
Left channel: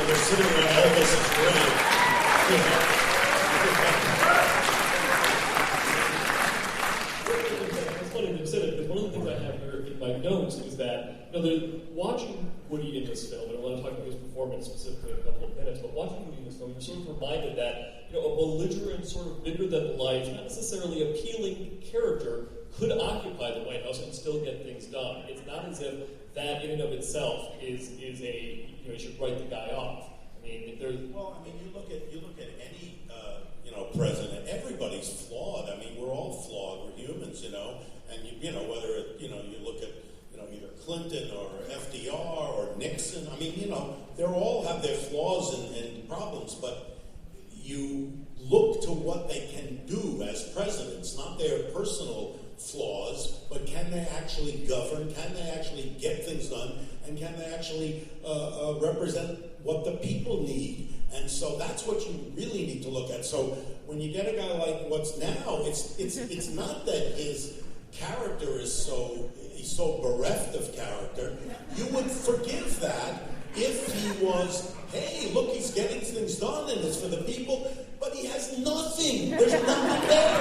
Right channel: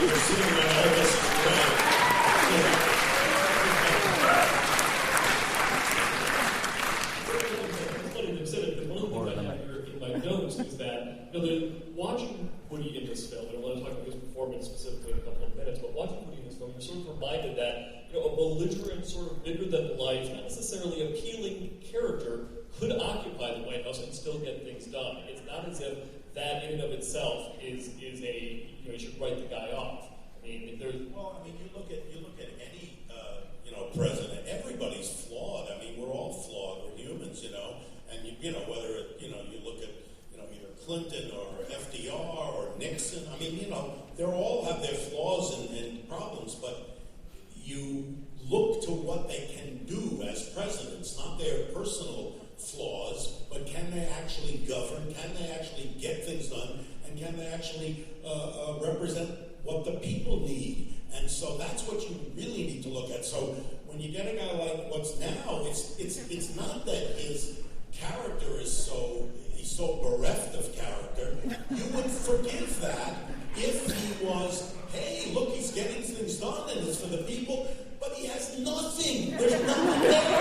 You're sitting around Elvis's grave, It's funny that you said it, because one of the things I have here in my notes is that, watching Woody in this film, and I want to talk about his performance specifically in a couple of minutes, but watching Woody in this film, you're sort of reminded that, a belligerent, sort of bigger-than-life, not necessarily appealing character could occupy the White House and still get things done. It's not as if that in and of itself is a, you should write the guy off. There's... Well, you look at any, president, everybody's flawed. We're all flawed. We're humans, and whether you look at, either Clinton or FDR or Nixon, they all have their flaws and problems, but you look to what they can do as presidents, not their personal flaws, but can they actually govern, can they actually get things done, and can they actually represent what the people need? And so that's what you really need to look at. So when you get a guy like what's now, it's not that his character is so bereft of character. You would forgive that if he was, hey, look, he's getting things done and it's for the people, but he has nothing. There's nothing there.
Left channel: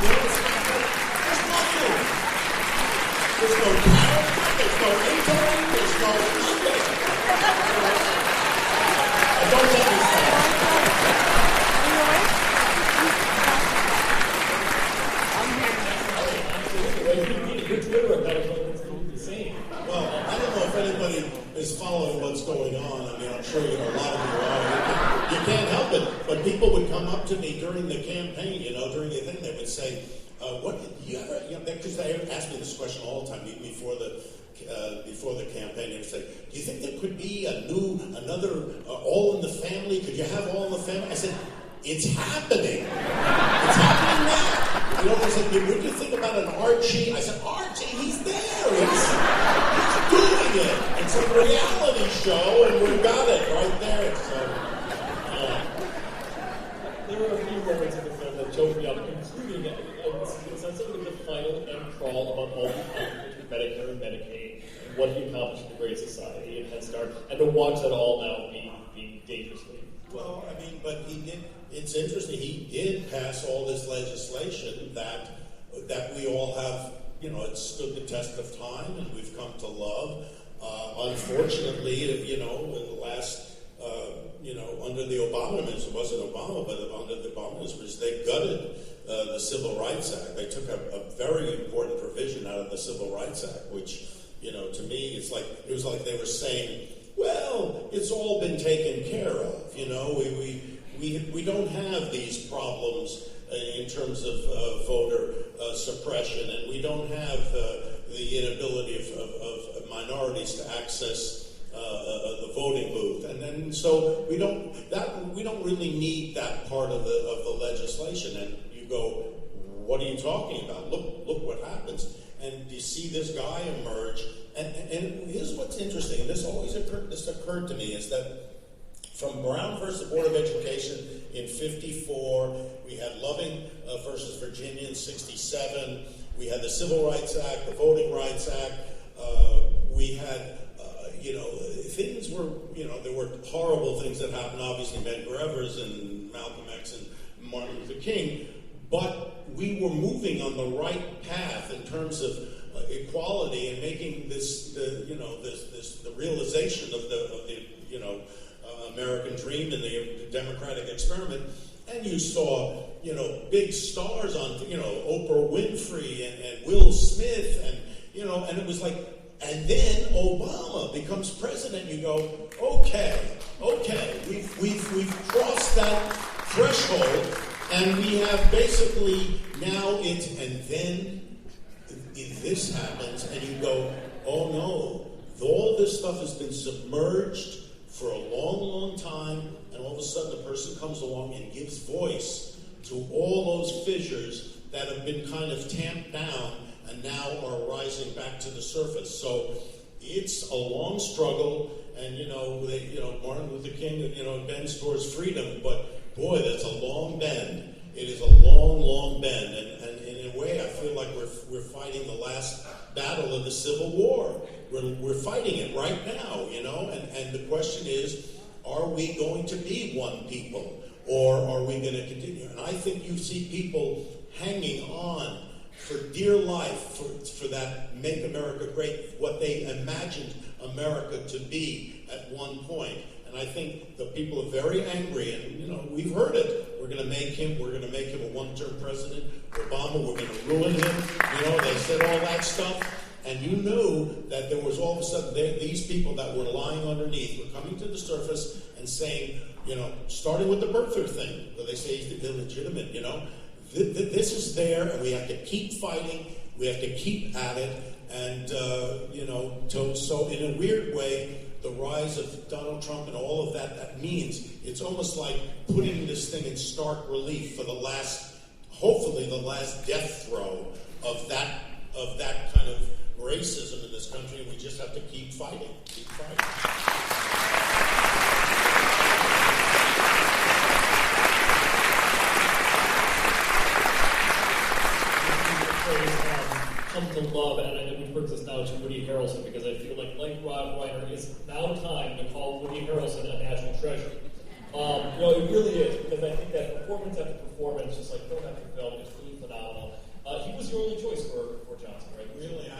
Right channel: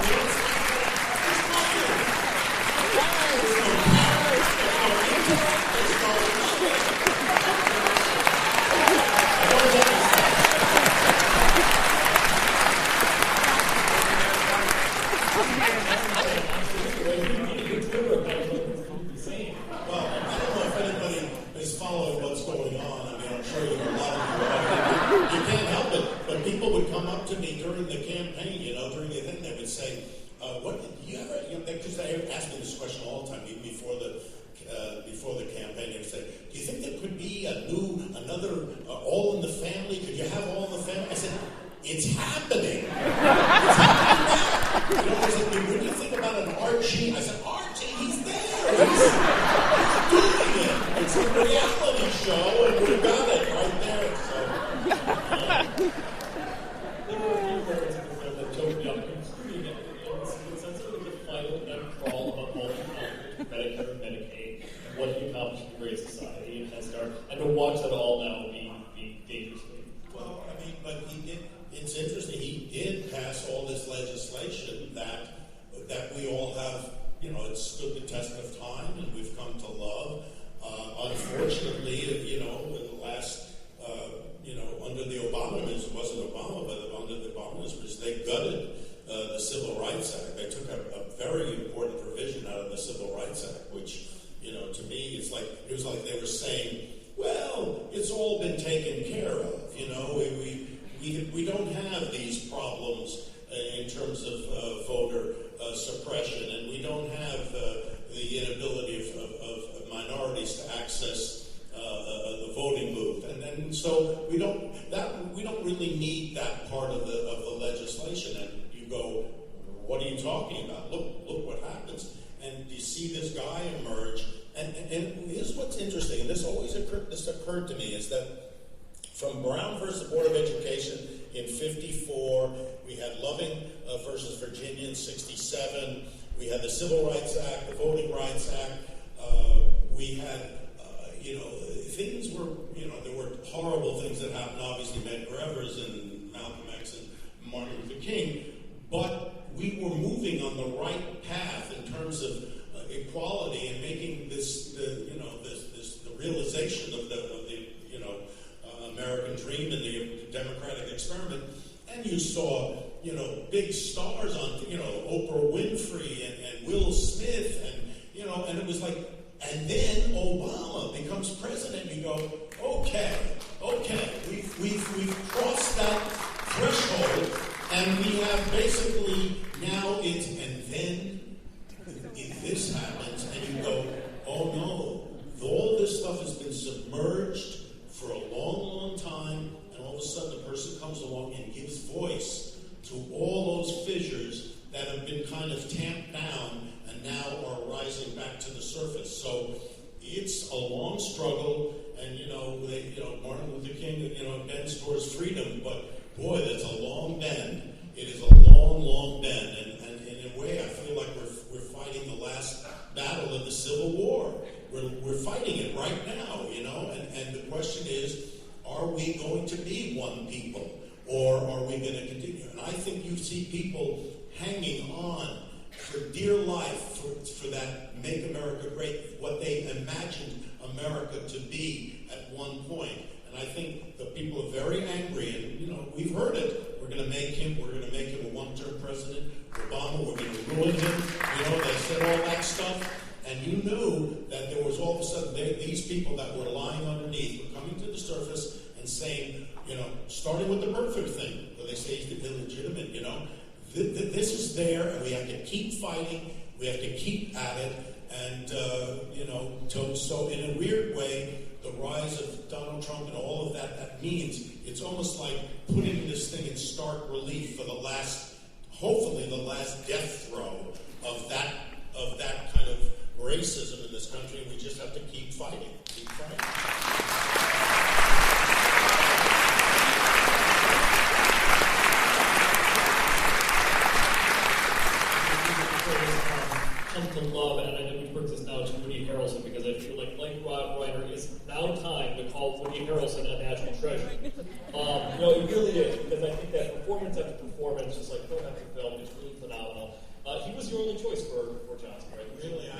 There's nothing. There's no power, there's no intellect, there's no nothing. I don't get this stuff. Well, I don't know if anybody is following what's going on. I'm sure a lot of you are. You can't help it, but people would come up to me during the campaign, during the thing, they would say, what did you ever, because they ask me this question all the time, even before the campaign, they would say, do you think there could be another All in the Family? Could you have All in the Family? I said, it's happening. It's happening now. I said, when you think about an Archie, I said, Archie, he's there. He's doing it. It's a reality show, and we've got it right there. So, there were a few moments in the film that choked me up, including a sense of the final end crawl about all the accomplishments with Medicare and Medicaid, and what he accomplished in the Great Society and Head Start, and to watch that all now be dangerously. Well, but he did. It's interesting. He did pass all this legislation that we all have. It stood the test of time, and we've come to love. Unfortunately, in the last, under the Obama administration, it wasn't Obama, but under the Obama administration, they gutted the Civil Rights Act. They took a very important provision out of the Civil Rights Act, which, to me, it was like they were saying, well, it's all been taken care of. We don't have these problems in terms of voter suppression, and we don't have the inability of minorities to access the voting booth, and so we don't really need that part of the legislation. And you go, what are you talking about? Look what happens, and you see this guy emerge. And here's what's interesting, and this occurred to me, is that From Brown versus the Board of Education in 54, we had Loving versus Virginia in 67, we had the Civil Rights Act, the Voting Rights Act, we had, things were, there were horrible things that happened, obviously, Medgar Evers and Malcolm X and Martin Luther King, but we were moving on the right path in terms of equality and making this, the realization of the American dream and the democratic experiment. And you saw, big stars on, Oprah Winfrey and Will Smith, and it was like, and then Obama becomes president. You go, okay, we've crossed that threshold, and we have basically now and then this happens, and you go, oh no, all this stuff has been submerged for a long, long time, and all of a sudden the person comes along and gives voice to all those fissures that have been kind of tamped down and now are rising back to the surface. So it's a long struggle, and Martin Luther King, bends towards freedom, but boy, that's a long bend. It is a long, long bend, and in a way, I feel like we're fighting the last battle of the Civil War. We're fighting it right now, and the question is, are we going to be one people, or are we going to continue? And I think you see people hanging on for dear life for that Make America Great, what they imagined America to be at one point. And I think the people are very angry, and we've heard it. We're going to make him a one-term president. Obama, we're going to ruin him. They said all that stuff. And you knew that there was all of a sudden these people that were lying underneath were coming to the surface and saying, starting with the birther thing, where they say he's illegitimate, this is there, and we have to keep fighting. We have to keep at it. And, so in a weird way, the rise of Donald Trump and all of that means it's almost like putting this thing in stark relief for hopefully the last death throw of that kind of racism in this country, and we just have to keep fighting. Come to love, and I know we brings us now to Woody Harrelson, because I feel like Rob Reiner, it's now time to call Woody Harrelson a national treasure. It really is, because I think that performance after performance, just like film after film, is really phenomenal. He was your only choice for Johnson, right? Really,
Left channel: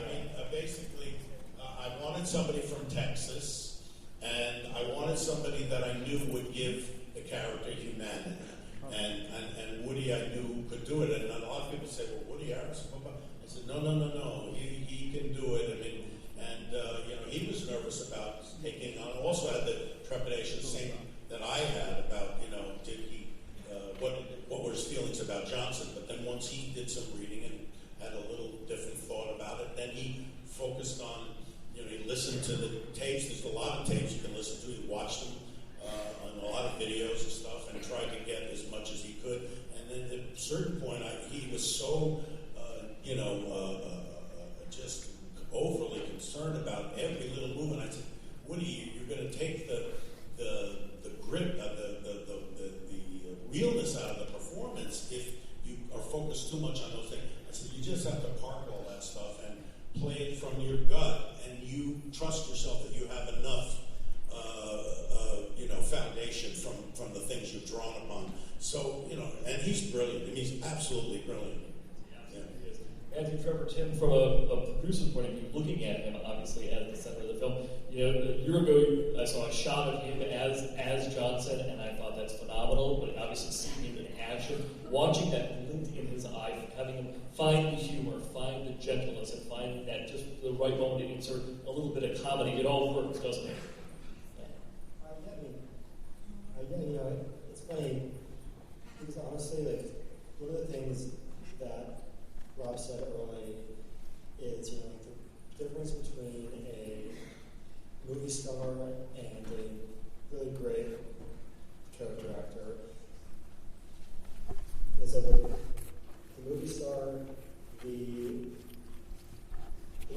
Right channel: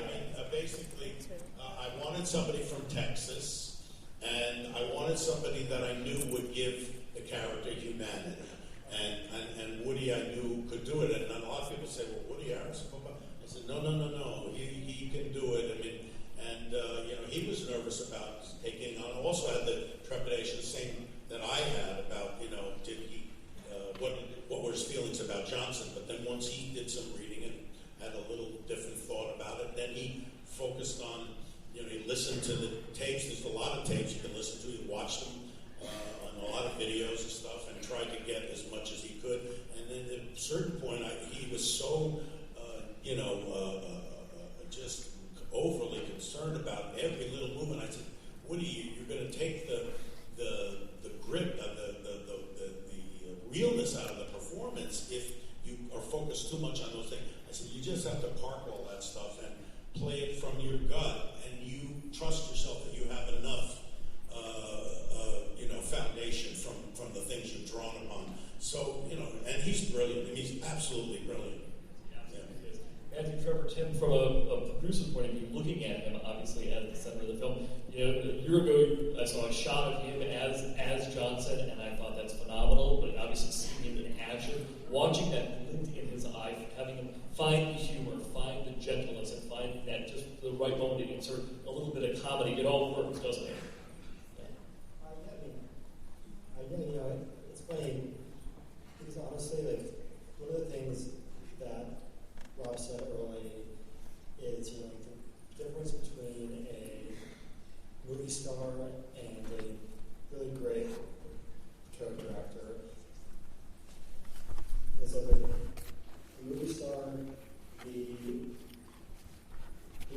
basically, I wanted somebody from Texas, and I wanted somebody that I knew would give the character humanity. And Woody, I knew, could do it. And a lot of people say, well, Woody Harrelson, I said, no, he can do it. He was nervous about taking on. Also had the trepidation, same that I had about, did he, what were his feelings about Johnson? But then once he did some reading and had a little different thought about it, then he focused on, he listened to the tapes. There's a lot of tapes you can listen to. He watched them on a lot of videos and stuff, and tried to get as much as he could. And then at a certain point, he was so, just overly concerned about every little movement. I said, Woody, you're going to take the grip, the realness out of the performance if you are focused too much on those things. I said, you just have to park all that stuff and play it from your gut, and you trust yourself that you have enough foundation from the things you've drawn upon. So, and he's brilliant. I mean, he's absolutely brilliant. Matthew, Trevor, Tim, from a producer point of view, looking at him, obviously, as the center of the film, a year ago, I saw a shot of him as Johnson, and I thought that's phenomenal, but obviously seeing him in action, watching that glint in his eye, having him find the humor, find the gentleness, and find that just the right moment to insert a little bit of comedy, it all works, doesn't it? It's funny, because honestly, one of the things that Rob said early is, the difference between a movie star and a really great character actor is that with the movie star, the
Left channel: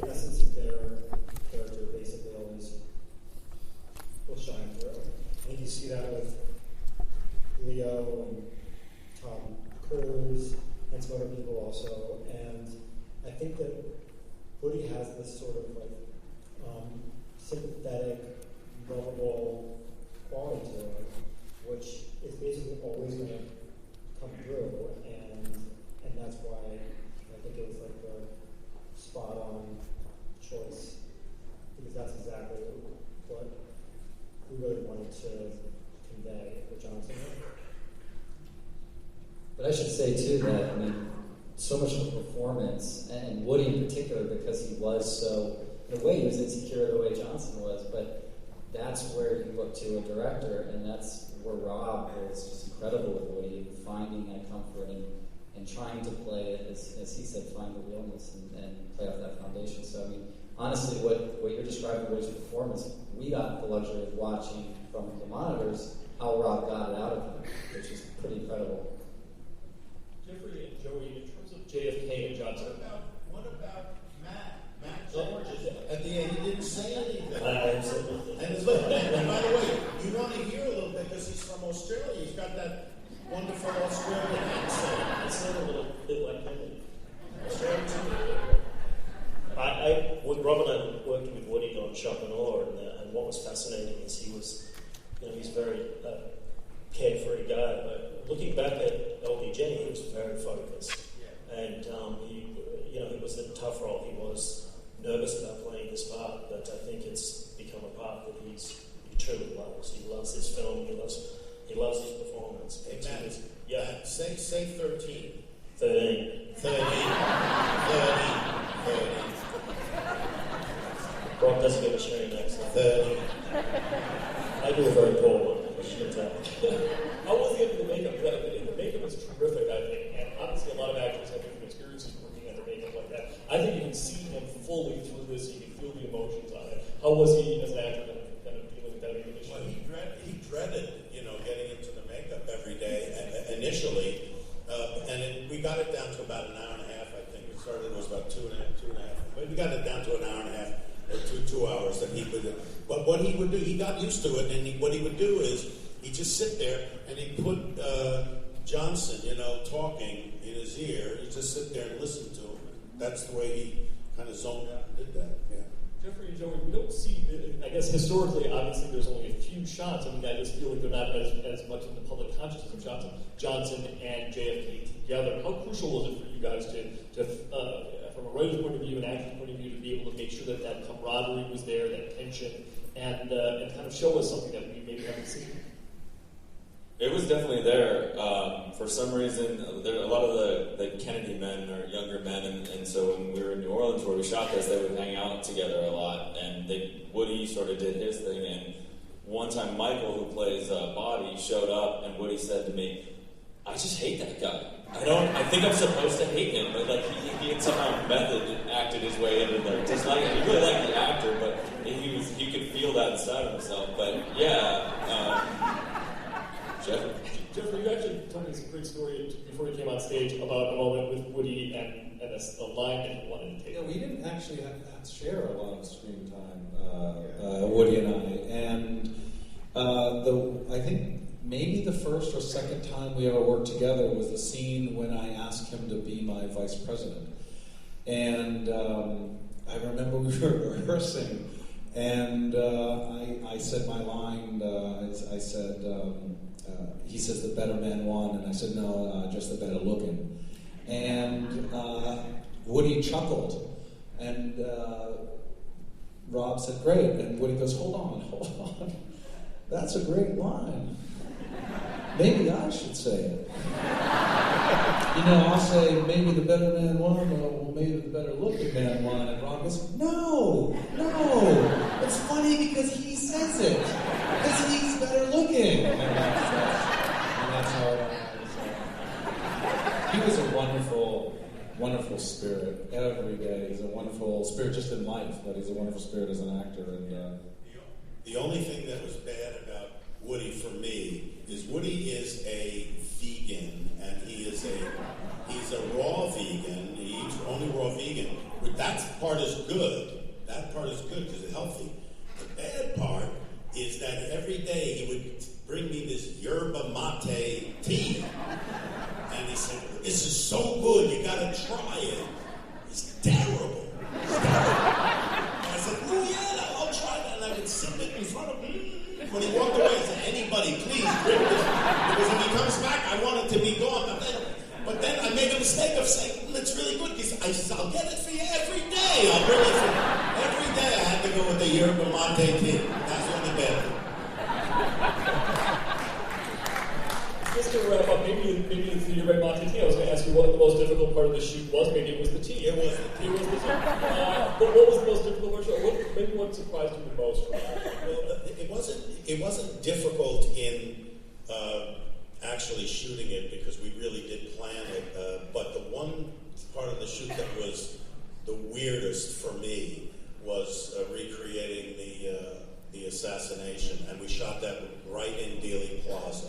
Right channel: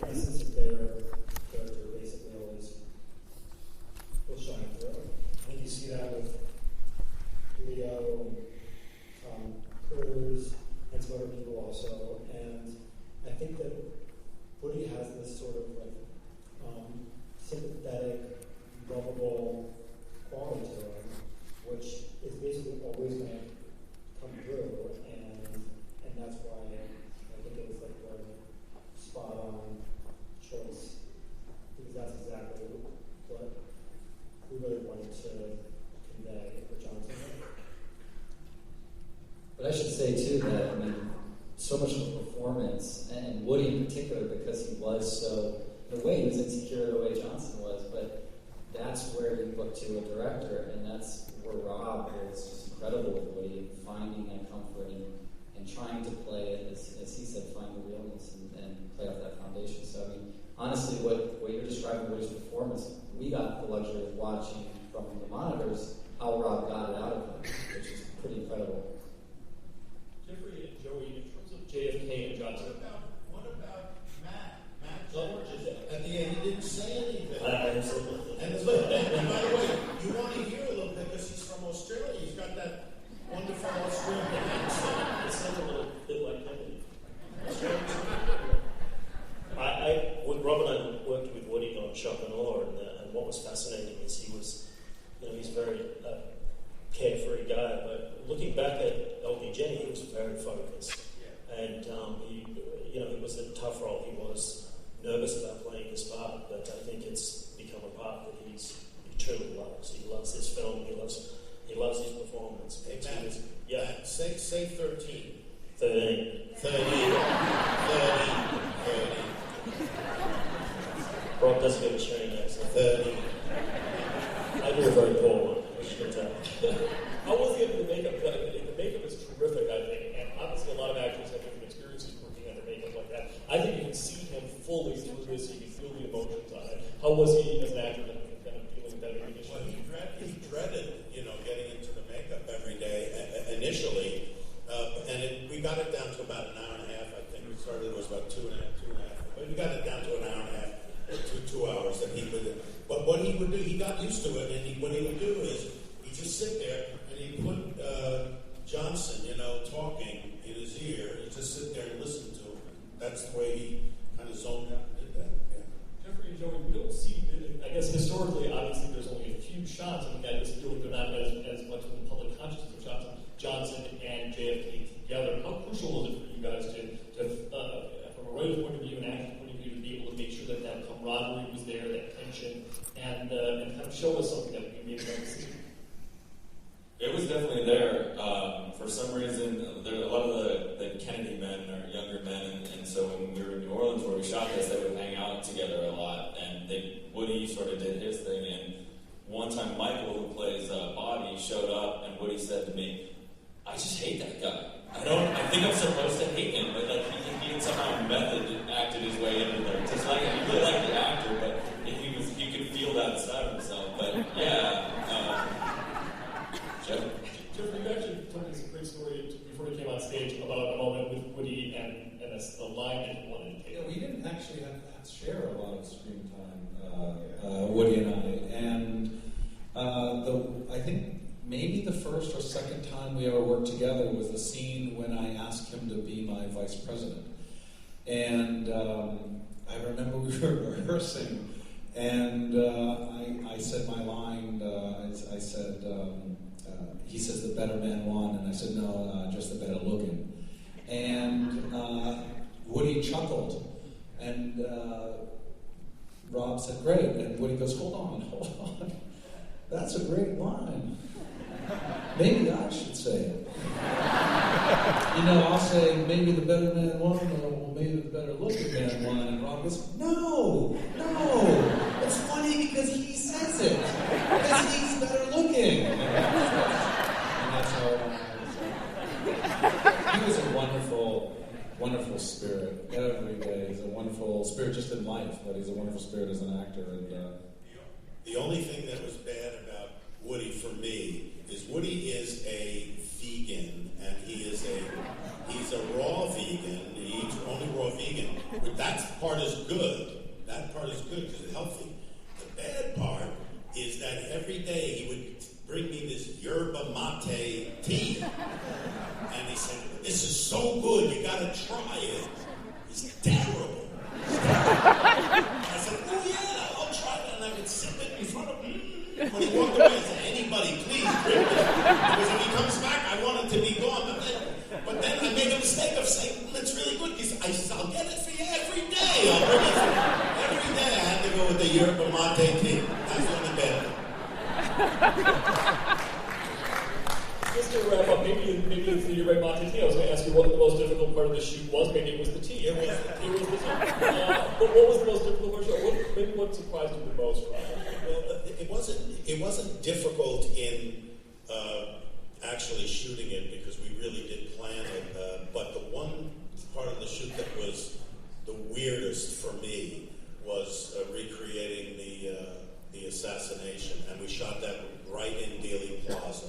essence of their character basically always will shine through. I think you see that and some other people also. And I think that Woody has this sort of like sympathetic, lovable quality to him, which is basically always going to come through, and that's why I think it was like the spot on choice, because that's exactly what we really wanted to convey with Johnson. But I should say too that, I mean, so much of the performance, and Woody in particular, because he was so, in a way, he was insecure the way Johnson was, but that's where you look to a director, and that's where Rob is just incredible with Woody, finding that comfort and trying to play it, as he said, find the realness and play off that foundation. So, I mean, honestly, what you're describing Woody's performance, we got the luxury of watching from the monitors how Rob got it out of him, which is pretty incredible. Jeffrey and Joey, in terms of JFK and Johnson. What about Matt? Matt George at the end, he didn't say anything. And look, and by the way, you want to hear a little bit because he's from Australia. He's got that wonderful Australian accent. It sounds a little bit like Kennedy. When Rob and I worked with Woody on Shock and Awe, and what was fascinating is he was, he's very carefree guy, but looking back at LBJ, he was very focused. Yeah. And he was in a tough role. He was nervous about playing this part, but I think it's become a part that he truly loves. He loves this film. He loves his performance. Hey, Matt, yeah. Say 13. 13. 30. Rob doesn't give a Australian accent. 30. I do a very poor one, as you can tell. How was he into the makeup? The makeup is terrific, I think, and obviously a lot of actors have different experiences working under makeup like that. I think you can see him fully through this. You can feel the emotions on it. How was he as an actor kind of dealing with that issue? Well, he dreaded, getting into the makeup every day initially, and we got it down to about an hour and a half. I think we started. It was about two and a half. But we got it down to an hour and a half. Or 2 hours that he would, but what he would do, he got used to it, and what he would do is he'd just sit there and he'd put Johnson, talking in his ear. He'd just sit there and listen to him. That's the way he kind of zoned out and did that. Yeah. Jeffrey and Joey, we don't see, I guess historically, obviously, there's only a few shots. I mean, I just feel like they're not as much in the public consciousness of Johnson and JFK together. How crucial was it for you guys to from a writer's point of view and actor's point of view, to be able to make sure that camaraderie was there, that tension, and kind of show us something that we maybe haven't seen? It was definitely there. For some reason, a lot of the Kennedy men are younger men, and so when we were in New Orleans where we shot this, they would hang out together a lot, and Woody sort of did his thing, and one time Michael, who plays Bobby, showed up, and Woody said to me, "I just hate that guy. I think I'm supposed to hate him," but he had somehow method acted his way into disliking. He really liked the actor, but he could feel that inside of himself. But Jeffrey, you actually told me this great story before you came on stage about a moment with Woody and a line that you wanted to take. Yeah, we didn't actually have to share a lot of screen time, Woody and I, and I think maybe the first or second time we ever worked together was the scene when I asked him to be my vice president. And I remember we were rehearsing, and I said my line, I said, he says, "The better man won," and I said, "No, just the better looking." And Woody chuckled, and Rob said, "Great," and Woody goes, hold on, that's a great line. Maybe I should say it. I'll say, maybe the better man won, or maybe the better looking man won. And Rob goes, no. It's funny because he says it. Because he's better looking. And that's how it was. He was a wonderful spirit every day. He's a wonderful spirit just in life, but he's a wonderful spirit as an actor. And the only thing that was bad about Woody for me is Woody is a vegan, and he's a raw vegan. He eats only raw vegan. But that part is good. That part is good because it's healthy. The bad part is that every day he would bring me this yerba mate tea. And he said, "This is so good, you gotta try it." It's terrible. And I said, "Oh yeah, I'll try that." And I would sip it in front of him. When he walked away, I said, "Anybody, please drink this." Because if he comes back, I want it to be gone. But then I made a mistake of saying, "It's really good," because I'll get it for you every day. I'll bring it for you. Every day I had to go with the yerba mate tea. That's the only bad thing. Just to wrap up, maybe it's the yerba mate tea. I was going to ask you what the most difficult part of the shoot was. Maybe it was the tea. It was the tea. But what was the most difficult part of the show? Maybe what surprised you the most? Well, it wasn't difficult in actually shooting it because we really did plan it. But the one part of the shoot that was the weirdest for me was recreating the assassination, and we shot that right in Dealey Plaza,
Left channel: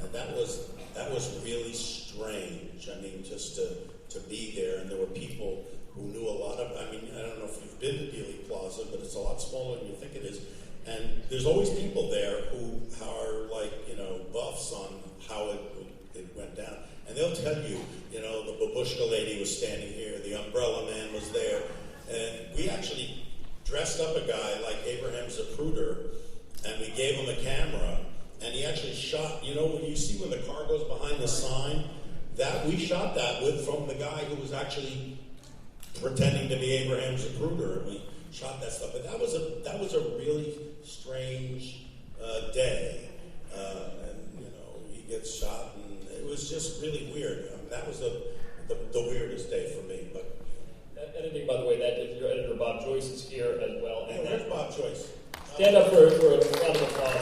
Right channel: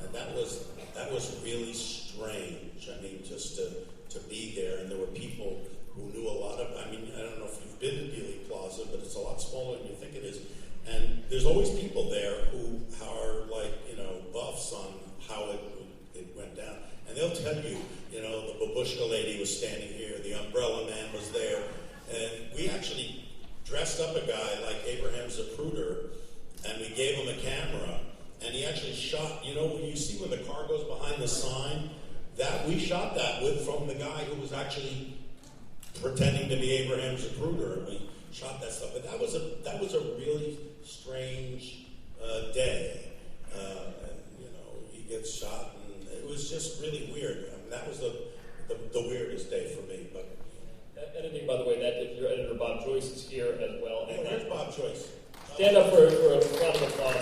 and that was really strange. I mean, just to be there, and there were people who knew a lot of. I mean, I don't know if you've been to Dealey Plaza, but it's a lot smaller than you think it is. And there's always people there who are like, buffs on how it went down. And they'll tell you, the babushka lady was standing here, the umbrella man was there. And we actually dressed up a guy like Abraham Zapruder, and we gave him a camera, and he actually shot, when you see when the car goes behind the sign, that we shot that from the guy who was actually pretending to be Abraham Zapruder, and we shot that stuff. But that was a really strange day. And he gets shot, and it was just really weird. I mean, that was the weirdest day for me. But editing, by the way, your editor Bob Joyce is here as well. And there's Bob Joyce. Stand up for a round of applause, Bob.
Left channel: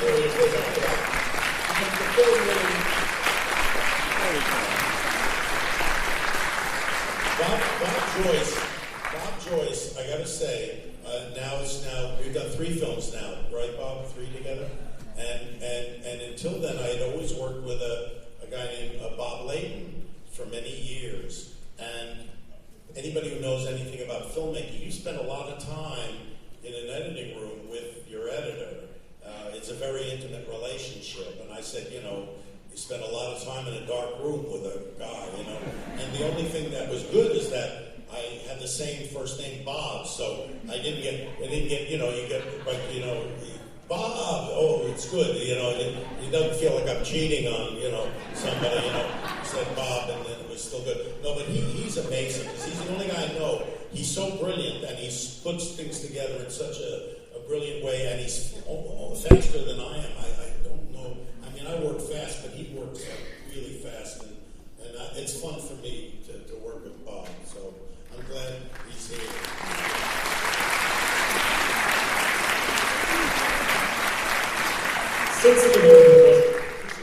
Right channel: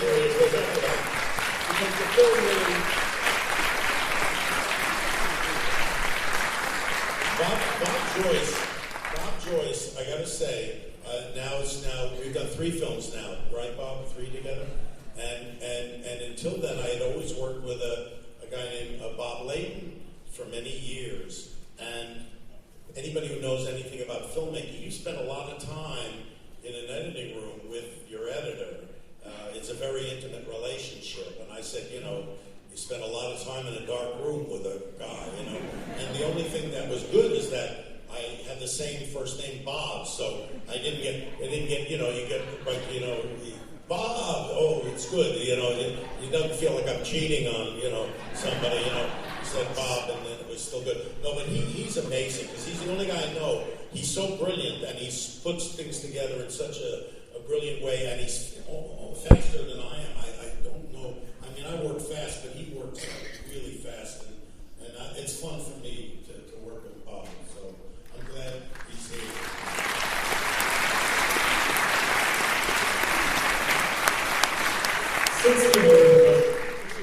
There he is. Because the film really. Bob Joyce, I gotta say, we've done 3 films now, right, Bob? 3 together? And until then, I had always worked with a guy named Bob Layton for many years. And anybody who knows anything about filmmaking, you spend a lot of time in an editing room with your editor. It's a very intimate relationship. And I said, you spend a lot of time in a dark room with a guy, And the only thing that was good is that I had the same first name, Bob, so I didn't get, Bob, oh, it's good, it doesn't feel like I'm cheating on, somebody, he said Bob, and then it was still good. No, but he's amazing, because he's the only guy I know. He's so brilliant, and he puts things together in such a brilliant way, and he's faster than I am. I don't know, I work fast, but he works really fast, and it's fun for me to work with Bob, so I'm glad he's here. Since the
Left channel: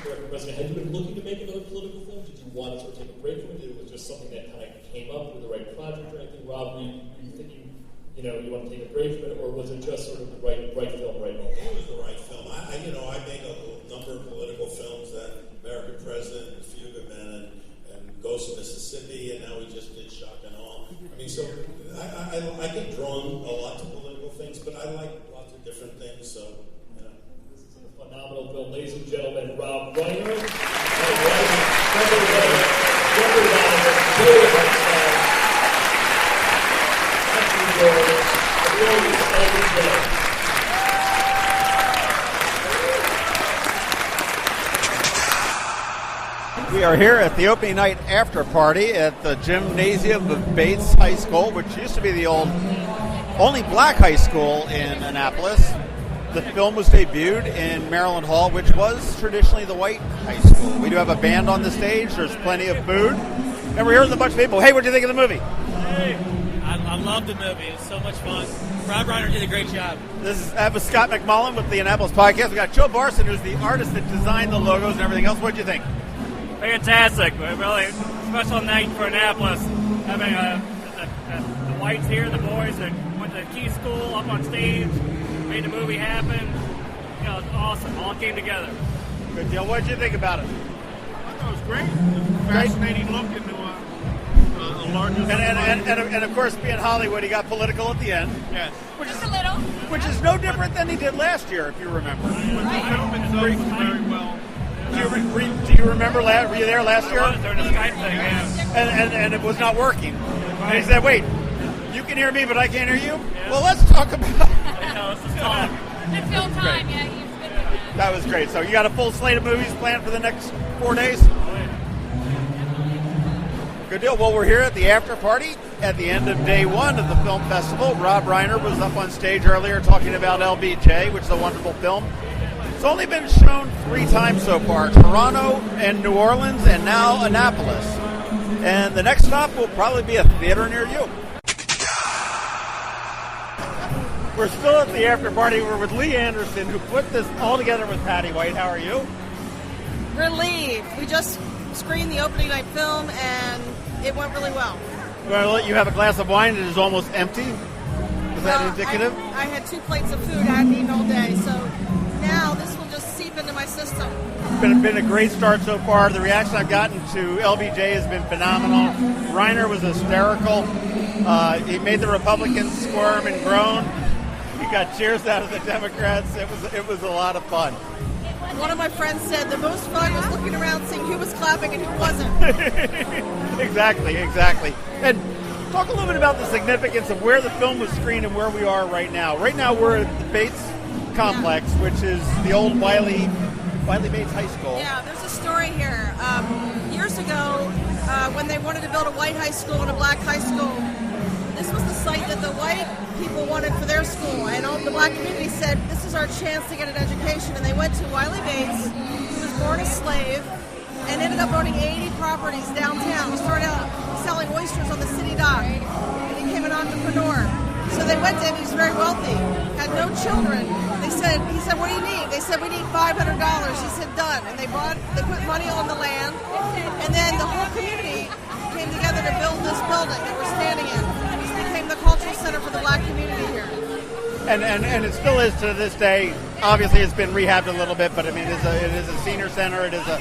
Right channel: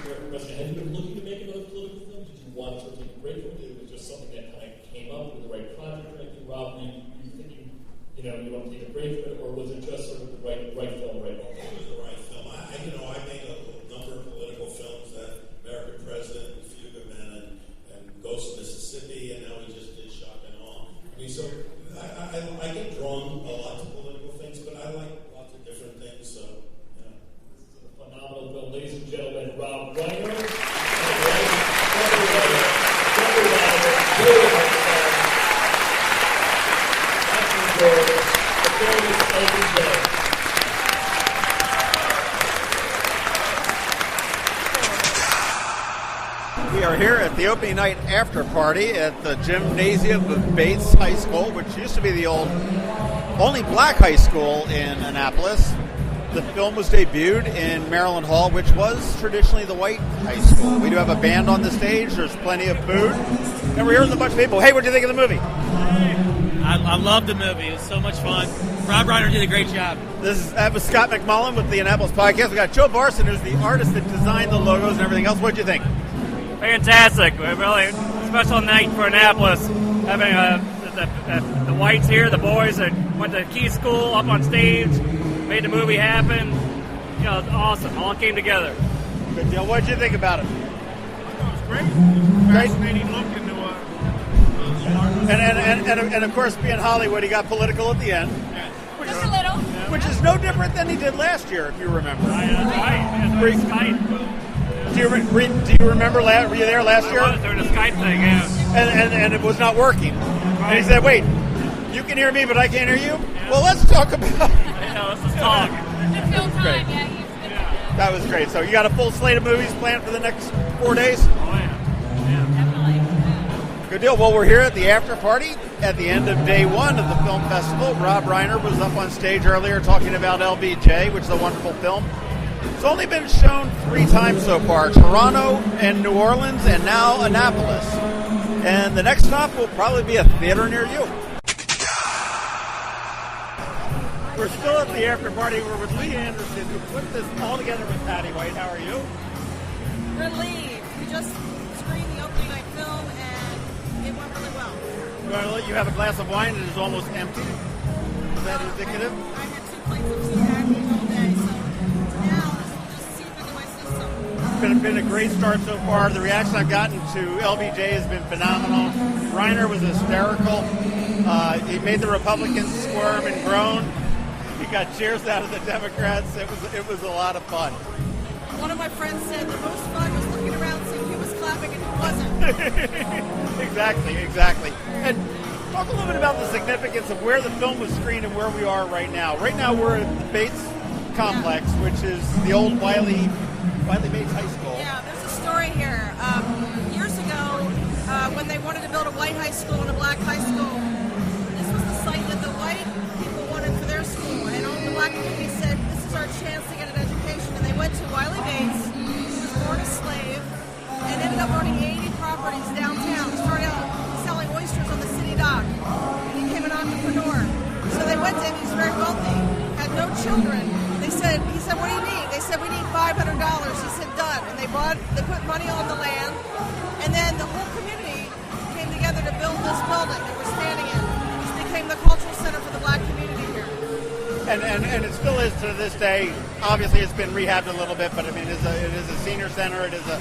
American president, have you been looking to make another political film? Did you want to sort of take a break from it? It was just something that kind of came up with the right project or anything? Rob, were you thinking, you want to take a break from it, or was it just sort of the right film, right moment? It was the right film. I made a number of political films, that American President, Fuga Men, and Ghost of Mississippi, and now we just did Shock and Awe. I mean, so I get drawn a lot to political things, but I like lots of different things, so. Phenomenal film, ladies and gentlemen, Rob Reiner, Trevor Reiner, Jeffrey Donovan, Joey Hartstone, Matthew George, the film is LBJ. We are here at the opening night after party at the gymnasium of Bates High School, which used to be the only black high school in Annapolis. The film was debuted in Maryland Hall, which was traditionally the white high school. We do have a band on the stage. There's plenty of food. And we're here with a bunch of people. Hey, what do you think of the movie? Hey, I love the movie. It was so much fun. Rob Reiner did a great job. This is Scott McMullen with the Annapolis Podcast. We got Joe Barson, who's the artist that designed the logos and everything else. What do you think? Fantastic. Really special night for Annapolis. Having the whites here, the boys that went to Key School up on stage, made the movie happen. It was awesome. All came together. Good deal. What did you think about it? I thought it was great. It was a fascinating look into a larger... And of course, being Hollywood, he got political at the end. Yes. Just a little. Which is no different than he did last year, if you remember. Do you remember? Were you there last year? I was doing the Skype thing, yeah. And it was not working. And he said, "Wait, you can hear me, but I can't hear you." Yeah. Well, let's talk about. Let's just talk. It's film time, yeah. That was great. So you got a full slate of movies planned for the next 4 days? Oh, yeah. Good deal. Well, we're here at the after party at the end of day one of the film festival. Rob Reiner was up on stage earlier talking about LBJ, which is a wonderful film. It's only been shown 3 times so far, Toronto and New Orleans and now Annapolis. And the next stop will probably be a theater near you. We're still at the after party. We're with Lee Anderson, who put this all together with Patty White. How are you? Relieved. We just screened the opening night film, and it went really well. I'm going to let you have a glass of wine that is almost empty. Is that indicative? I had 2 plates of food I hadn't eaten all day, so now this will just seep into my system. It's been a great start so far. The reaction I've gotten to LBJ has been phenomenal. Reiner was hysterical. He made the Republicans squirm and groan. He got cheers out of the Democrats. It was a lot of fun. One of my friends said the most fun was looking around seeing who was clapping and who wasn't. Exactly. And talk a little bit about the significance of where the film was screened and where we are right now. Right now we're at the Bates Complex, which is the old Wiley Bates High School. Yeah, there's a story here. Years ago, when they wanted to build a white high school and a black high school, this was the site that the white people wanted for their school, and all the black community said, this is our chance to get an education, and they went to Wiley Bates, who was born a slave, and ended up owning 80 properties downtown. He started out selling oysters on the city dock, and he became an entrepreneur. So they went to him, he was very wealthy, had no children. He said, what do you need? They said, we need $500. He said, done. And they put money on the land, and then the whole community came together to build this building that we're standing in. Became the cultural center for the black community here. And it still is to this day. Obviously, it's been rehabbed a little bit, but I mean, it is a senior center. It is a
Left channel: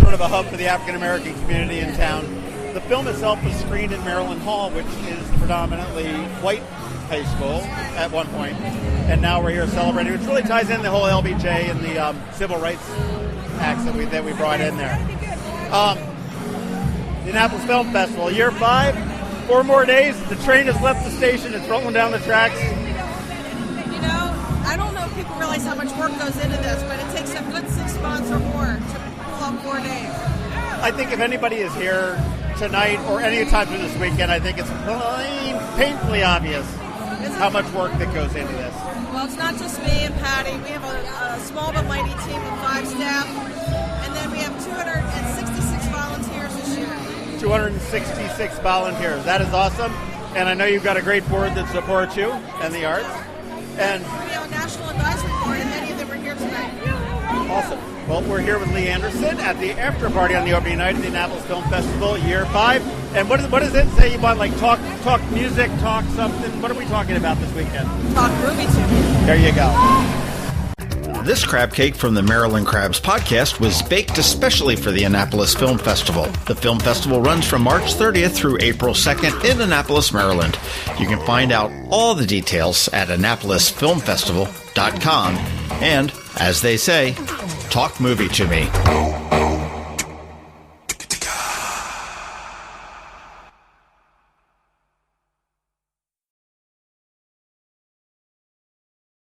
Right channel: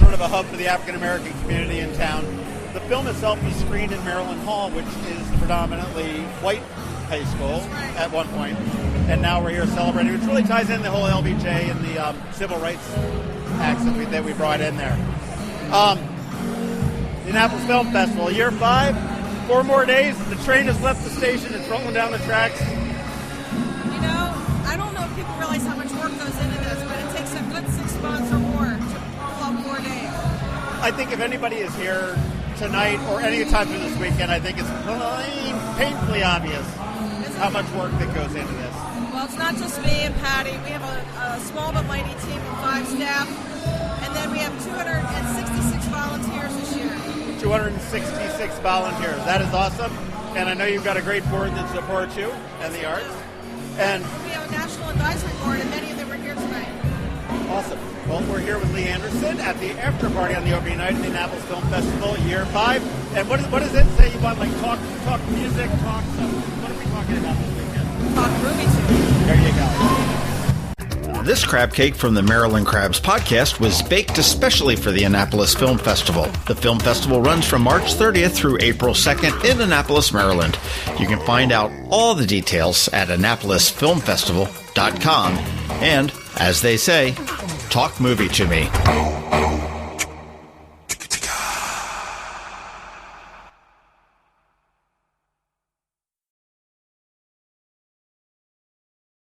sort of a hub for the African American community in town. The film itself was screened in Maryland Hall, which is predominantly white high school at one point, and now we're here celebrating, which really ties in the whole LBJ and the Civil Rights Act that we brought in there. The Annapolis Film Festival, year 5. 4 more days, the train has left the station, it's rolling down the tracks. You know, I don't know if people realize how much work goes into this, but it takes a good 6 months or more to pull up 4 days. I think if anybody is here tonight or any time through this weekend, I think it's painfully obvious how much work that goes into this. Well, it's not just me and Patty. We have a small but mighty team of 5 staff, and then we have 266 volunteers this year. 266 volunteers. That is awesome. And I know you've got a great board that supports you and the arts. And we have a national advisory board, and many of them are here tonight. Awesome. Well, we're here with Lee Anderson at the after party on the opening night of the Annapolis Film Festival, year 5. And what does it say you want? Like talk music, talk something. What are we talking about this weekend? Talk movie to me. There you go. This crab cake from the Maryland Crabs podcast was baked especially for the Annapolis Film Festival. The film festival runs from March 30th through April 2nd in Annapolis, Maryland. You can find out all the details at AnnapolisFilmFestival.com. And, as they say, talk movie to me.